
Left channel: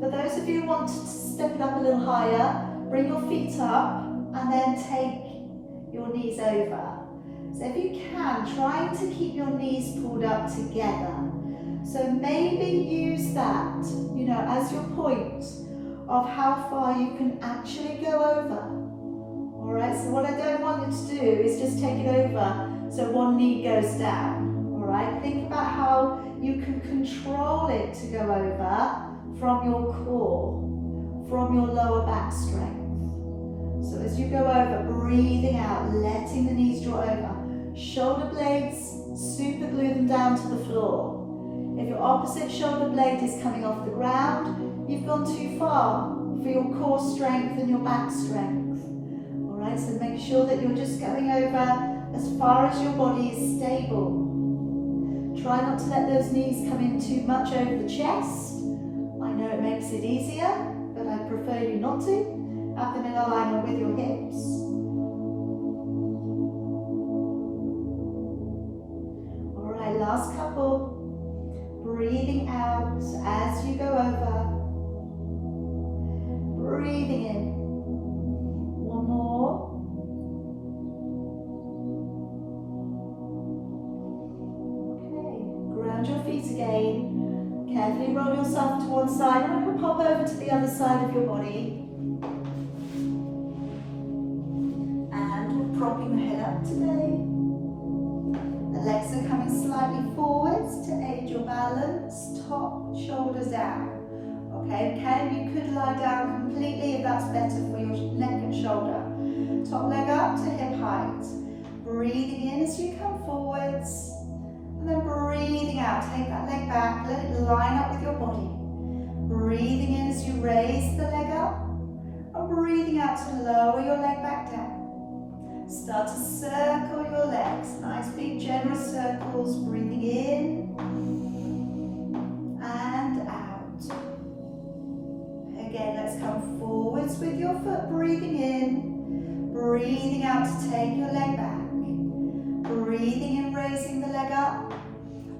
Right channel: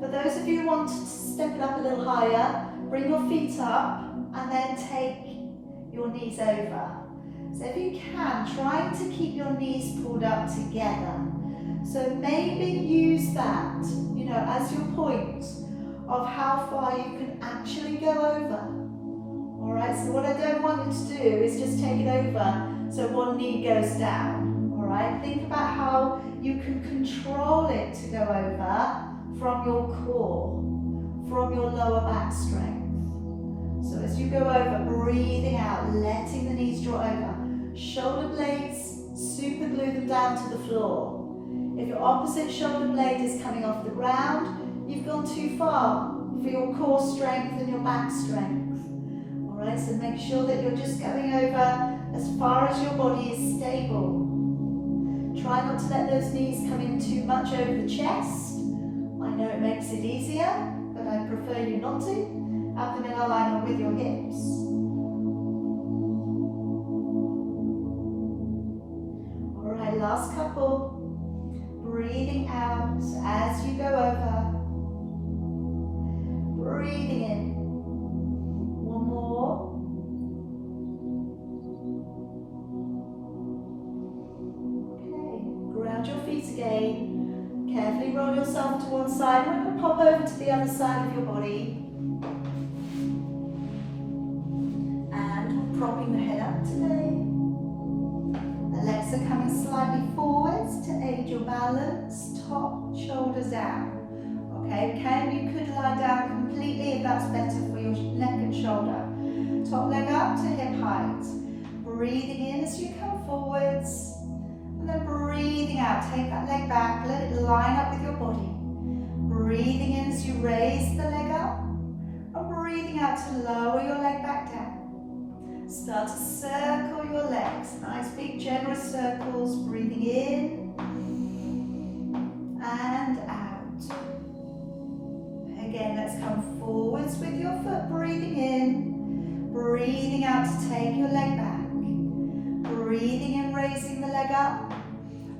For those of you who want to step it up a little higher, bring your feet up and then take your knees over. So if you can, try to keep your knees pulled up together. So maybe use that, as your point of how far you can actually go over. All right, so what I don't want you to do is just take it over so one knee goes down. All right, think about how you can control it to go over from your core, from your lower back strength. So as you go over, breathing out, letting the knees draw over. Shoulder blades, super glue them down to the floor. If your opposite shoulder blade is coming off the ground, you've gone too far for your core strength and your back strength. All right, so make sure that you're just going over as far as your body is stable. Try not to let those knees come in too much over the chest. I know it makes it easier, but I prefer you not to. Have them in alignment with your hips. All right, last couple. Breathing out as you go over. Breathing in. One more. Okay, ground your feet again. Carefully roll yourself to one side. We're going to pop over to the other side of your body. And we're propping the head up today. The legs are coming slightly forwards to aid your balance. Top, shoulders down. Okay, you could lie down completely if that's better for your neck and shoulder. Top leg up to hip height. Breathing in as you come forwards. And then breathing out, take that leg back, let it line up with your body. Breathing in as you raise the leg up, and breathing out to lower your leg back down. Start to circle your legs. Nice big generous circles. Breathing in and out. Again, let's come forwards with your foot. Breathing in. Breathing out to take your leg back. Breathing in, raising the leg up.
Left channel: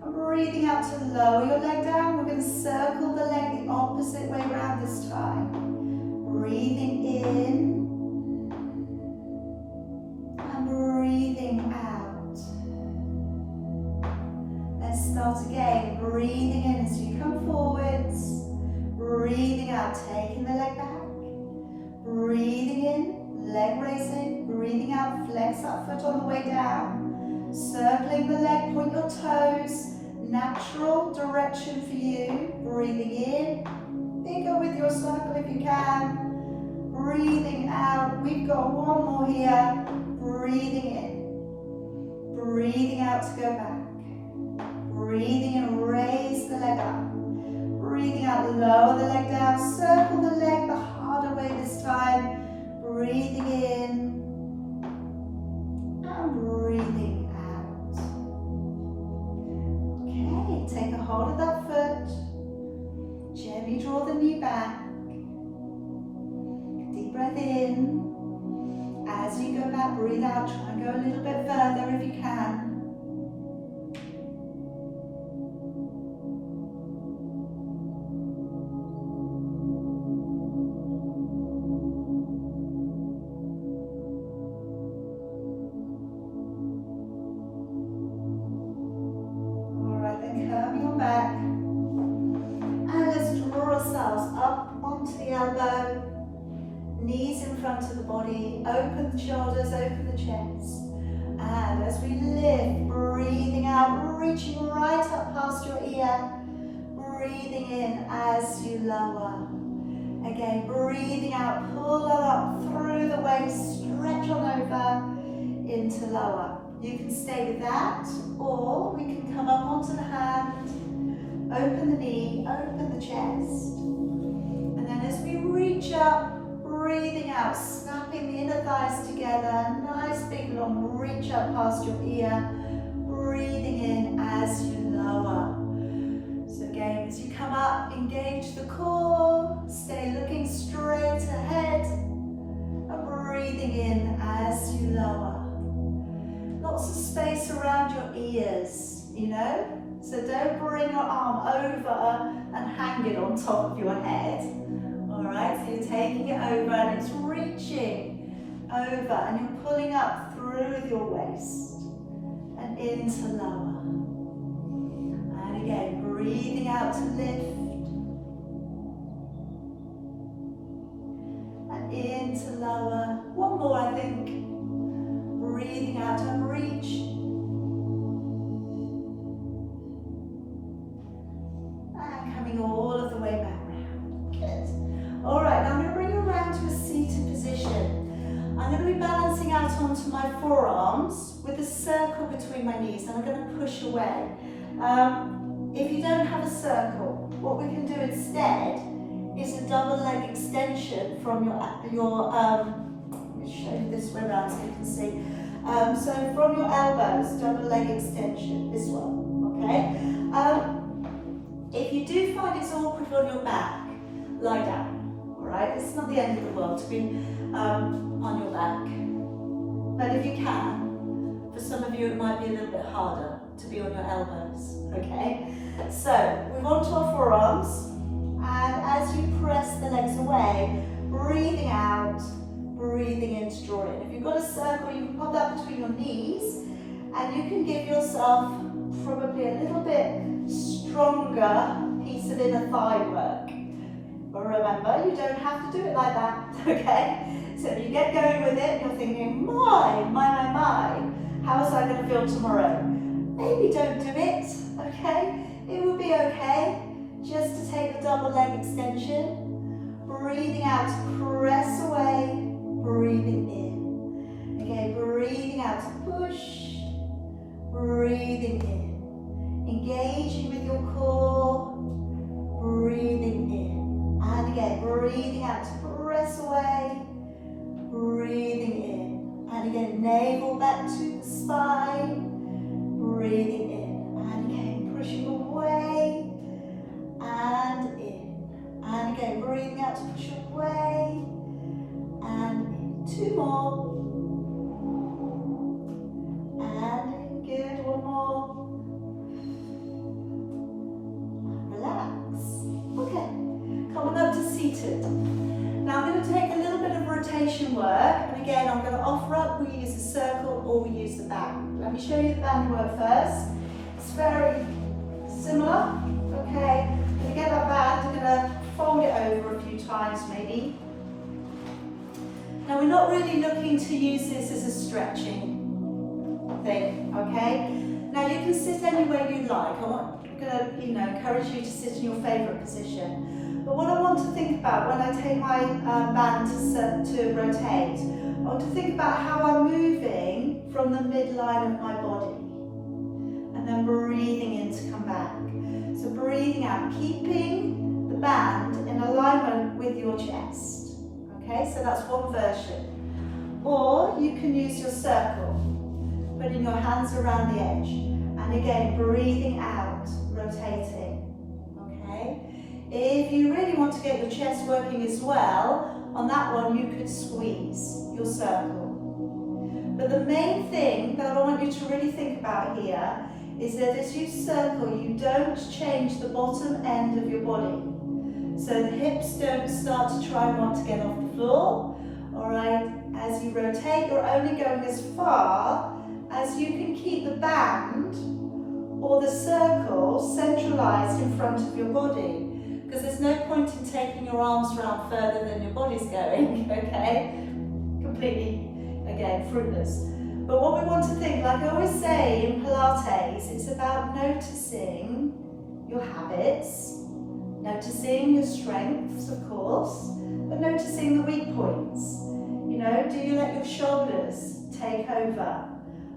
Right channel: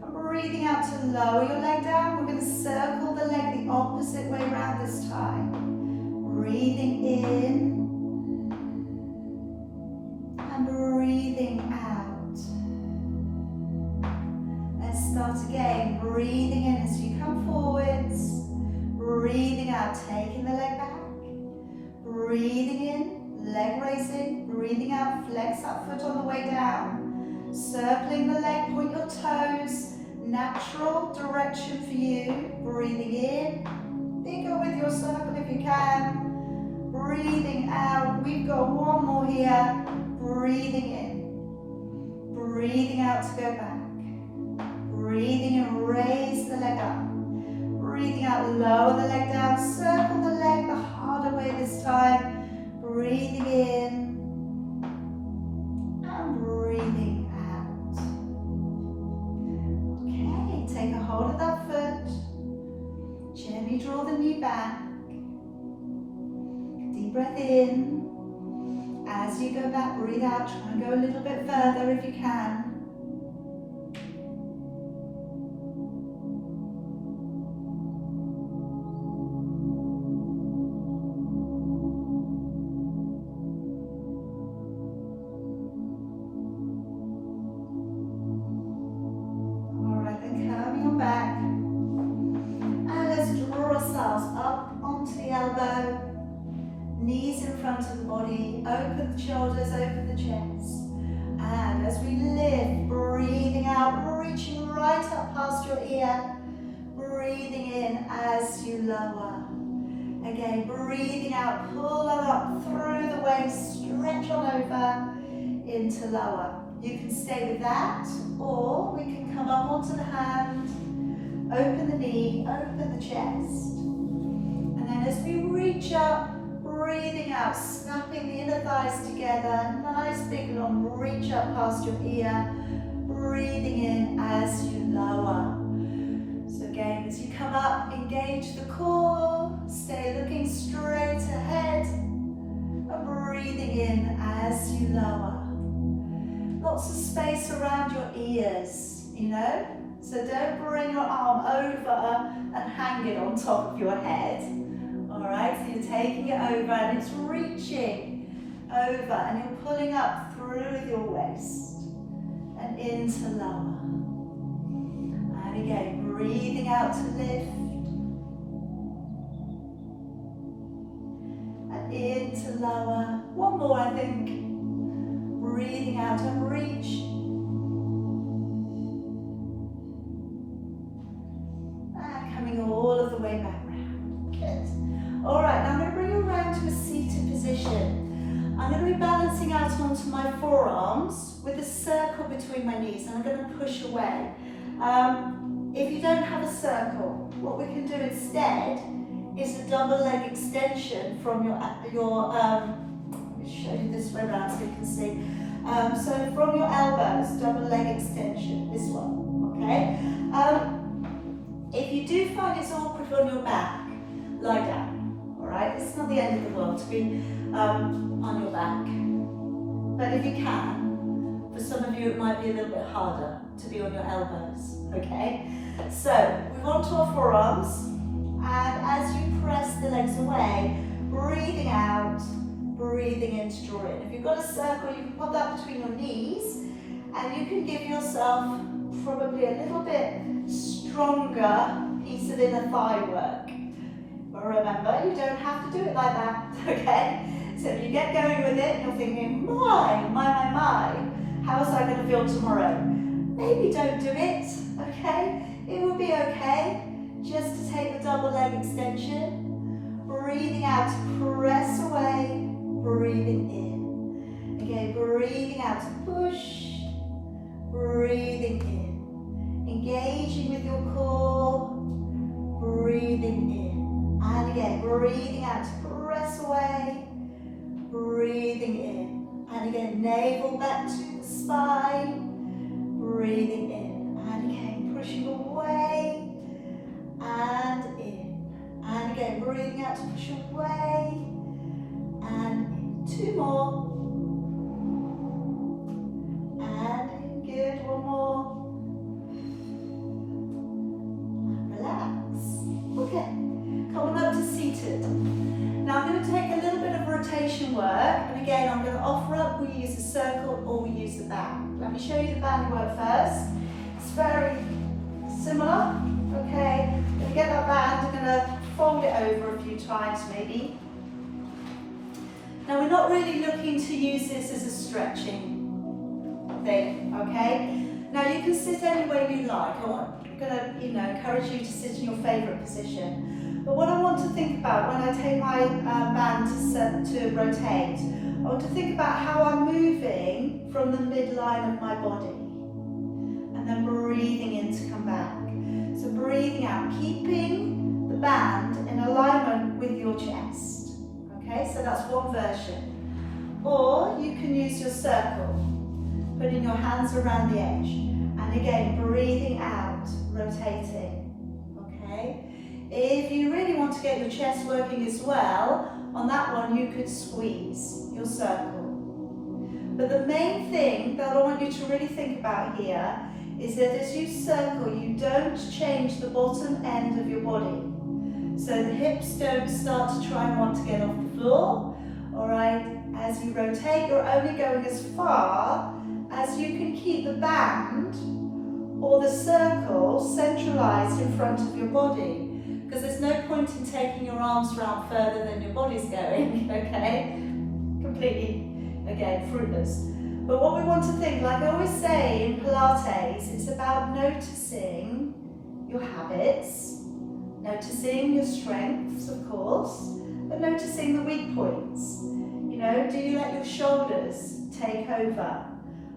And breathing out to lower your leg down. We're going to circle the leg the opposite way around this time. Breathing in. Breathing out. Let's start again. Breathing in as you come forwards. Breathing out, taking the leg back. Breathing in, leg raising. Breathing out, flex that foot on the way down. Circling the leg, point your toes. Natural direction for you. Breathing in. Bigger with your circle if you can. Breathing out. We've got one more here. Breathing in, breathing out to go back, breathing in, raise the leg up, breathing out, lower the leg down, circle the leg the harder way this time, breathing in and breathing out. Okay, take a hold of that foot, gently draw the knee back, deep breath in. As you go back, breathe out, try and go a little bit further if you can. Alright, then curving on back. And let's draw ourselves up onto the elbow. Knees in front of the body, open the shoulders, open the chest. And as we lift, breathing out, reaching right up past your ear. Breathing in as you lower. Again, breathing out, pull that up through the waist, stretch on over into lower. You can stay with that, or we can come up onto the hand, open the knee, open the chest. And then as we reach up, breathing out, snapping the inner thighs together, nice big long reach up past your ear, breathing in as you lower. So again, as you come up, engage the core, stay looking straight ahead, and breathing in as you lower. Lots of space around your ears, you know, so don't bring your arm over and hang it on top of your head. Alright, so you're taking it over and it's reaching over and you're pulling up through with your waist and into lower. And again, breathing out to lift and into lower. One more, I think. Breathing out and reach. And coming all of the way back round. Good. Alright, now I'm going to bring you around to a seated position. I'm going to be balancing out onto my forearms with a circle between my knees and I'm going to push away. If you don't have a circle, what we can do instead is a double leg extension from let me show you this way around so you can see. So from your elbows, double leg extension, this one, okay? If you do find it's awkward on your back, lie down. Alright, it's not the end of the world to be on your back. But if you can, for some of you it might be a little bit harder to be on your elbows, okay? So, move on to our forearms, and as you press the legs away, breathing out, breathing in to draw in. If you've got a circle, you can pop that between your knees, and you can give yourself probably a little bit stronger piece of inner thigh work. But remember, you don't have to do it like that, okay? So if you get going with it, you're thinking, my, how is I going to feel tomorrow? Maybe don't do it, okay? It will be okay just to take the double leg extension, breathing out to press away, breathing in. Okay, breathing out to push, breathing in. Engaging with your core, breathing in. And again, breathing out to press away, navel back to the spine. Breathing in. And again, pushing away. And in. And again, breathing out to push away. And in. 2 more. And in. Good. 1 more. Okay, coming up to seated. Now I'm going to take a little bit of rotation work, and again I'm going to offer up we use a circle or we use the band. Let me show you the band work first. It's very similar, okay? I'm going to get that band, I'm going to fold it over a few times maybe. Now we're not really looking to use this as a stretching thing, okay? Now you can sit any way you like. I'm going to, encourage you to sit in your favourite position. But what I want to think about when I take my band to rotate, I want to think about how I'm moving from the midline of my body. And then breathing in to come back. So breathing out, keeping the band in alignment with your chest. Okay, so that's one version. Or you can use your circle, putting your hands around the edge. And again, breathing out, rotating, okay? If you really want to get your chest working as well, on that one you could squeeze your circle. But the main thing that I want you to really think about here is that as you circle, you don't change the bottom end of your body. So the hips don't start to try and want to get off the floor, all right? As you rotate, you're only going as far as you can keep the band or the circle centralized in front of your body, because there's no point in taking your arms around further than your body's going, okay? Completely, again, fruitless. But what we want to think, like I always say in Pilates, it's about noticing your habits, noticing your strengths, of course, but noticing the weak points. You know, do you let your shoulders take over?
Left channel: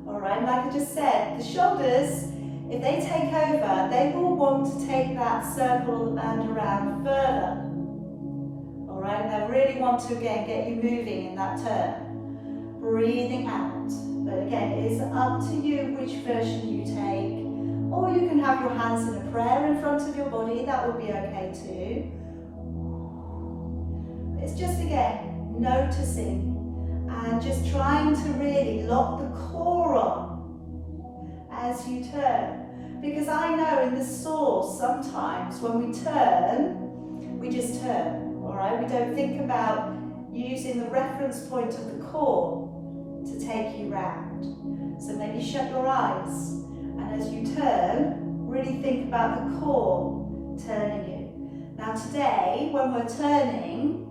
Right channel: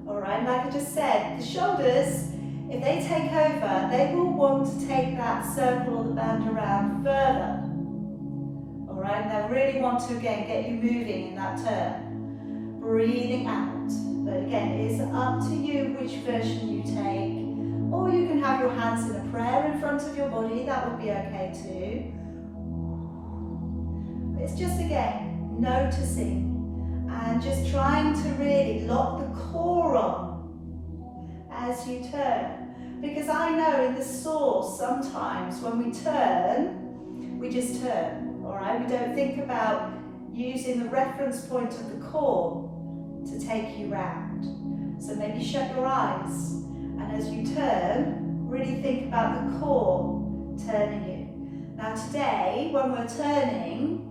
All right, like I just said, the shoulders, if they take over, they will want to take that circle or the band around further. All right, and they'll really want to, again, get you moving in that turn. Breathing out. But again, it is up to you which version you take. Or you can have your hands in a prayer in front of your body, that would be okay too. It's just, again, noticing and just trying to really lock the core on as you turn. Because I know in the source, sometimes when we turn, we just turn, all right? We don't think about using the reference point of the core to take you round. So maybe shut your eyes, and as you turn, really think about the core turning you. Now today, when we're turning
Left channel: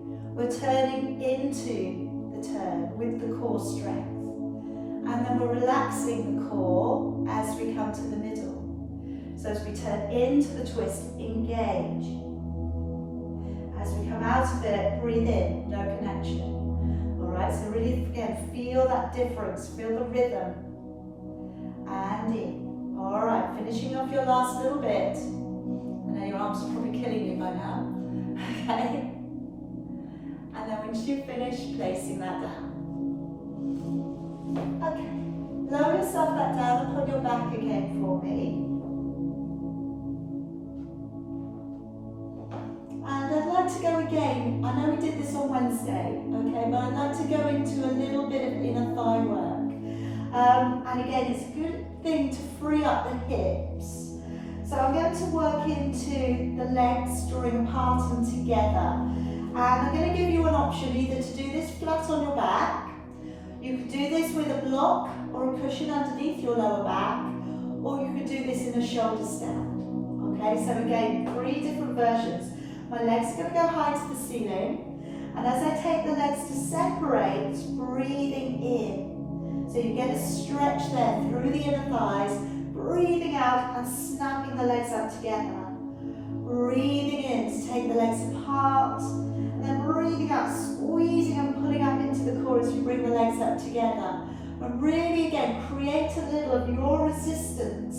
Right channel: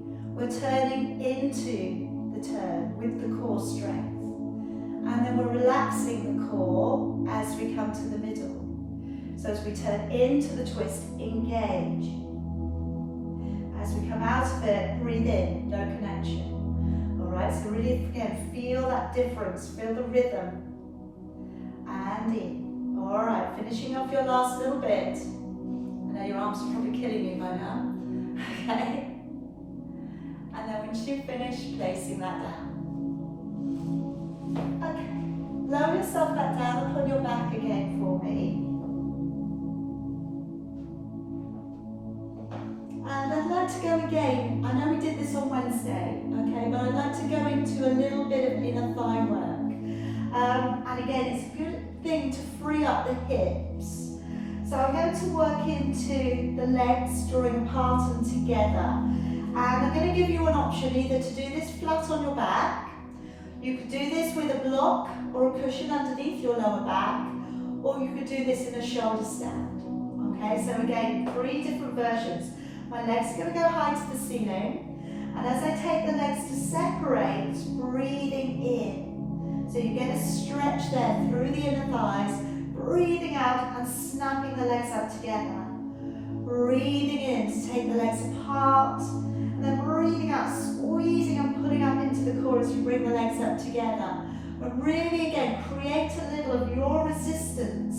into the turn with the core strength. And then we're relaxing the core as we come to the middle. So as we turn into the twist, engage. As we come out of it, breathe in, no connection. All right, so really, again, feel that difference, feel the rhythm. And in. All right, finishing off your last little bit. I know your arms are probably killing you by now. Okay. And then once you finish, placing that down. Okay, lower yourself back down and put your back again for me. And I'd like to go again, I know we did this on Wednesday, okay, but I'd like to go into a little bit of inner thigh work. And again, it's a good thing to free up the hips. So I'm going to work into the legs, drawing apart and together. And I'm going to give you an option either to do this flat on your back, you could do this with a block or a cushion underneath your lower back, or you could do this in a shoulder stand. Okay, so again, 3 different versions. My legs are going to go high to the ceiling, and as I take the legs to separate, breathing in. So you get a stretch there through the inner thighs, breathing out and snapping the legs up together. Breathing in to take the legs apart, and then breathing out, squeezing and pulling up into the core as you bring the legs up together. But really, again, create a little of your resistance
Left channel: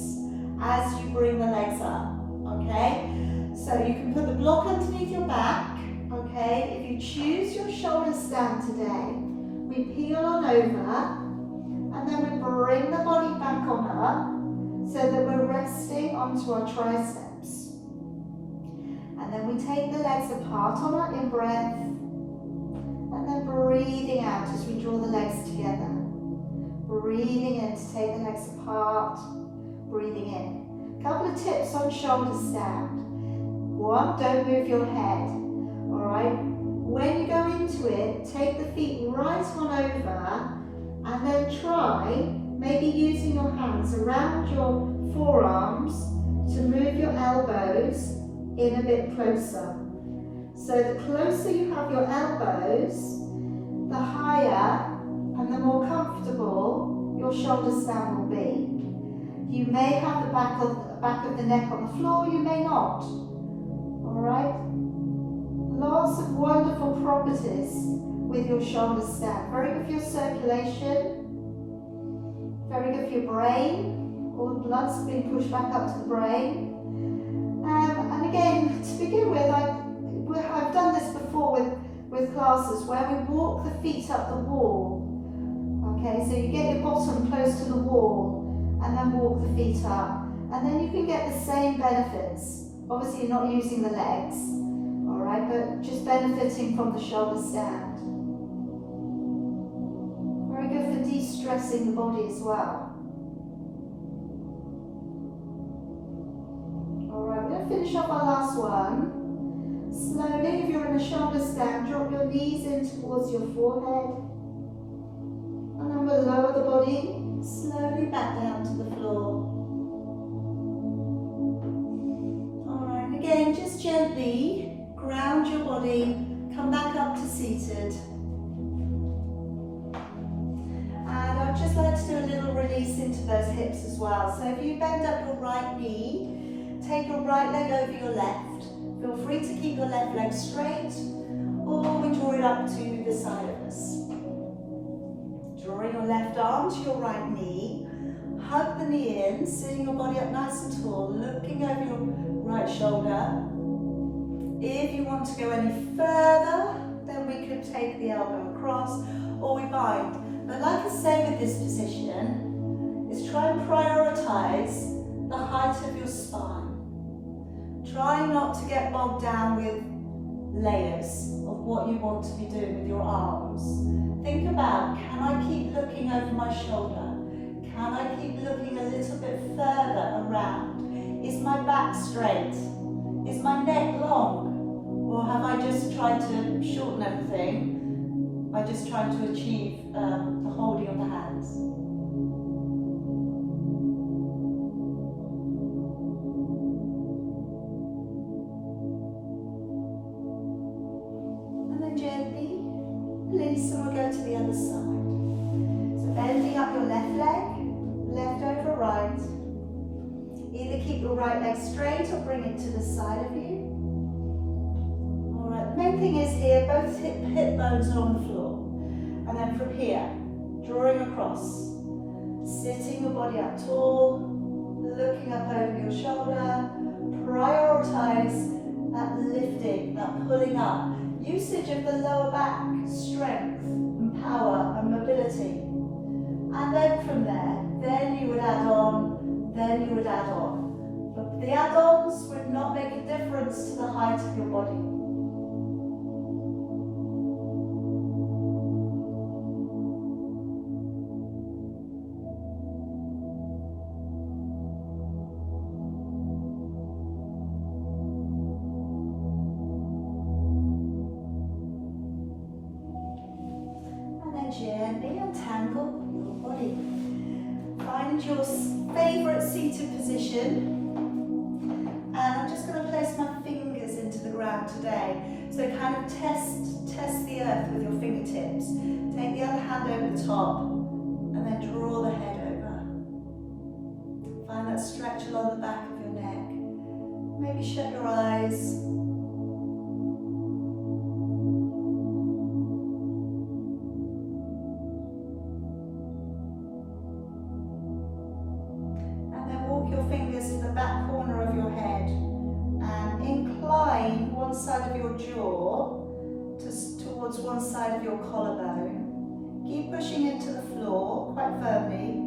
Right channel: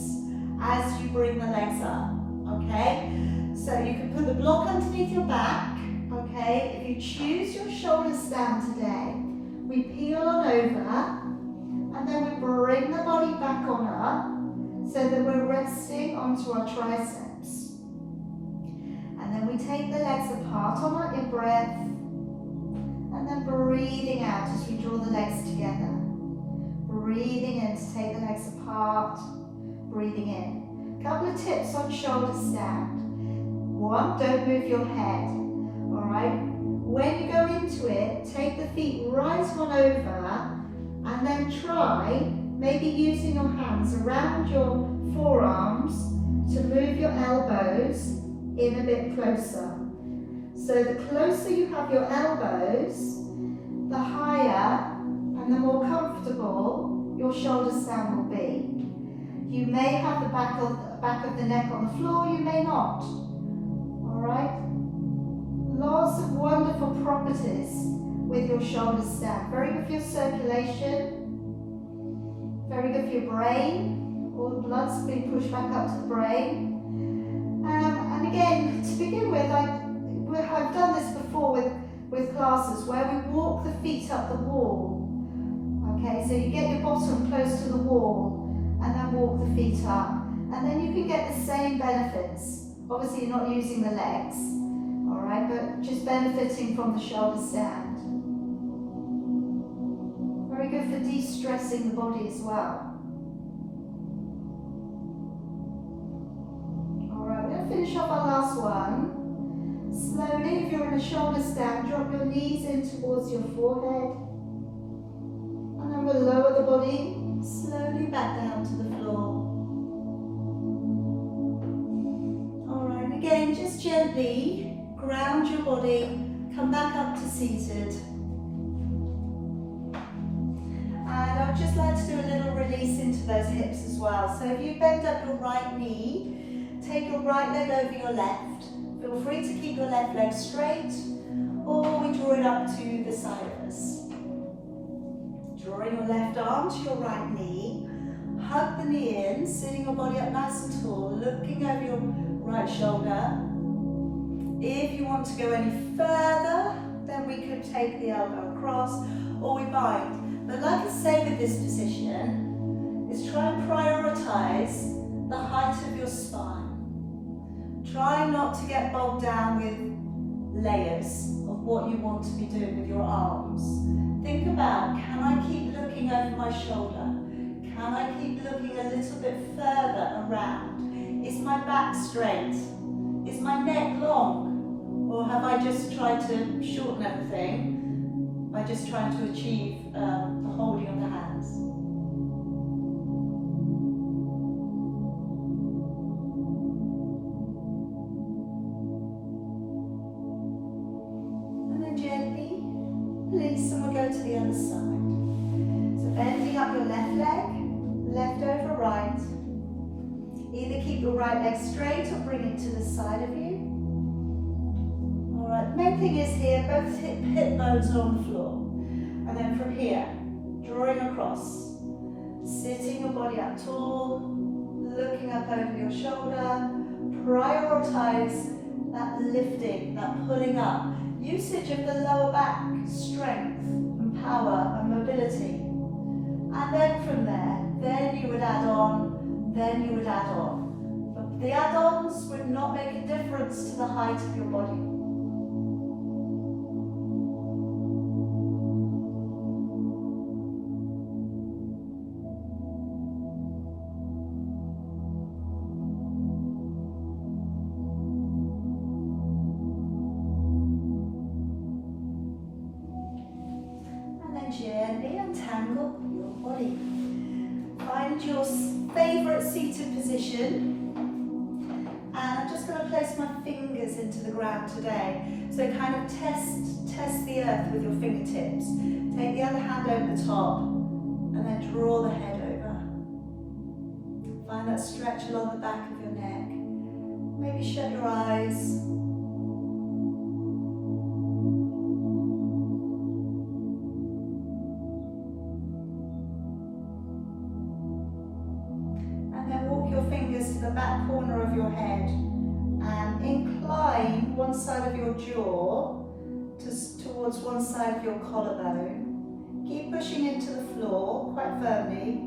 as you bring the legs up, okay? So you can put the block underneath your back, okay? If you choose your shoulder stand today, we peel on over And then we bring the body back on up so that we're resting onto our triceps. And then we take the legs apart on our in-breath. And then breathing out as we draw the legs together. Breathing in to take the legs apart. Breathing in. A couple of tips on shoulder stand. One, don't move your head. Alright? When you go into it, take the feet right on over and then try, maybe using your hands around your forearms to move your elbows in a bit closer. So the closer you have your elbows, the higher and the more comfortable your shoulder stand will be. You may have the back of the neck on the floor, you may not. Alright? Lots of wonderful properties with your shoulder stand. Very good for your circulation, very good for your brain. All the blood's being pushed back up to the brain. And again, to begin with, I've done this before with classes where we walk the feet up the wall. Okay, so you get your bottom close to the wall and then walk the feet up. And then you can get the same benefits. Obviously you're not using the legs, alright, but just benefiting from the shoulder stand. Very good for de-stressing the body as well. Alright, we're going to finish off our last one. Slowly, if you're in a shoulder stand, drop your knees in towards your forehead. And then we'll lower the body slowly back down to the floor. Alright, and again, just gently ground your body, come back up to seated. And I'd just like to do a little release into those hips as well. So if you bend up your right knee, take your right leg over your left. Feel free to keep your left leg straight, or we draw it up to the side of us. Drawing your left arm to your right knee, hug the knee in, sitting your body up nice and tall, looking over your right shoulder. If you want to go any further, then we could take the elbow across, or we bind. But like I say with this position, is try and prioritize the height of your spine. Try not to get bogged down with layers of what you want to be doing with your arms. Think about, can I keep looking over my shoulder? Can I keep looking a little bit further around? Is my back straight? Is my neck long? Or have I just tried to shorten everything by just trying to achieve the holding of the hands? Release and we'll go to the other side. So bending up your left leg, left over right. Either keep your right leg straight or bring it to the side of you. Alright, the main thing is here, both hip bones are on the floor. And then from here, drawing across. Sitting your body up tall, looking up over your shoulder. Prioritize that lifting, that pulling up. Usage of the lower back, strength and power and mobility. And then from there, then you would add on, then you would add on. But the add-ons would not make a difference to the height of your body. Gently untangle your body. Find your favourite seated position. And I'm just going to place my fingers into the ground today. So kind of test the earth with your fingertips. Take the other hand over the top and then draw the head over. Find that stretch along the back of your neck. Maybe shut your eyes. Fingers to the back corner of your head and incline one side of your jaw towards one side of your collarbone. Keep pushing into the floor quite firmly.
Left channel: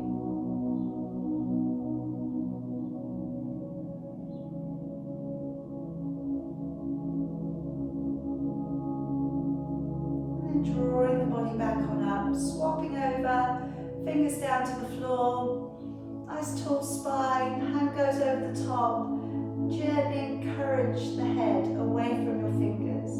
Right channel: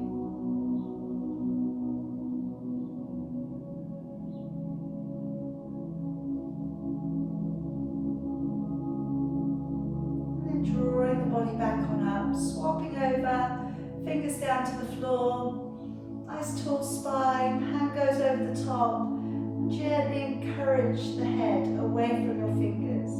And then drawing the body back on up, swapping over, fingers down to the floor. Nice tall spine, hand goes over the top. And gently encourage the head away from your fingers.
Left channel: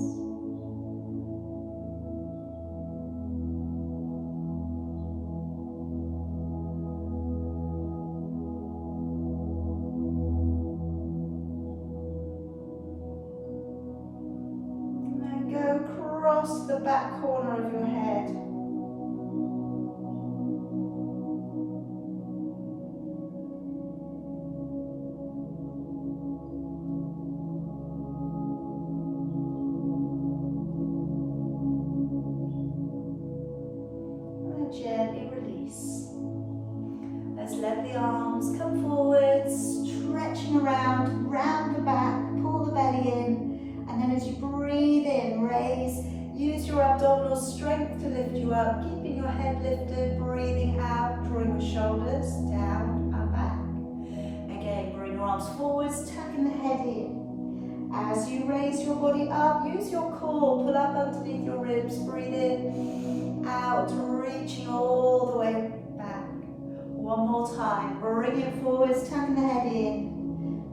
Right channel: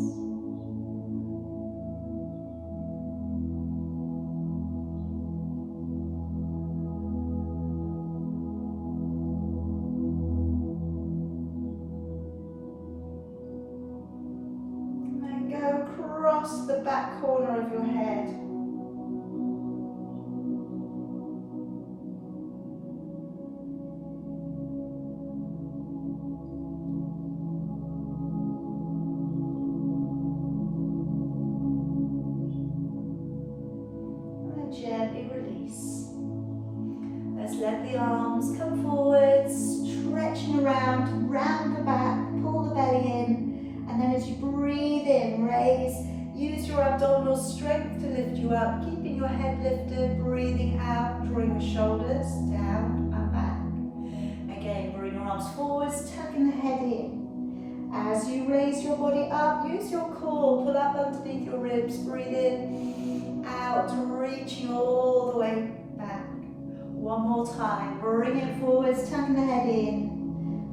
Across the back corner of your head. And gently release. Let's let the arms come forward, stretching around, round the back, pull the belly in, and then as you breathe in, raise. Use your abdominal strength to lift you up, keeping your head lifted, breathing out, drawing your shoulders down and back. Again, bring your arms forwards, tucking the head in. As you raise your body up, use your core, pull up underneath your ribs, breathe in, out, reaching all the way back. One more time, bring it forwards, tucking the head in,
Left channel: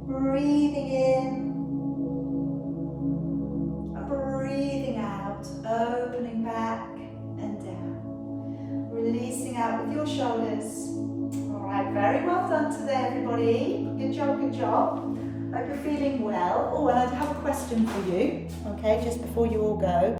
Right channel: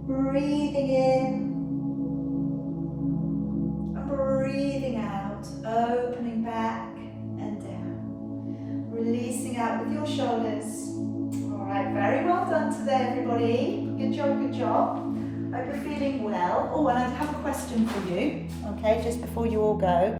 breathing in, and breathing out. Opening back and down. Releasing out with your shoulders. Alright, very well done today everybody. Good job, good job. Hope you're feeling well. Oh, and I have a question for you, okay, just before you all go.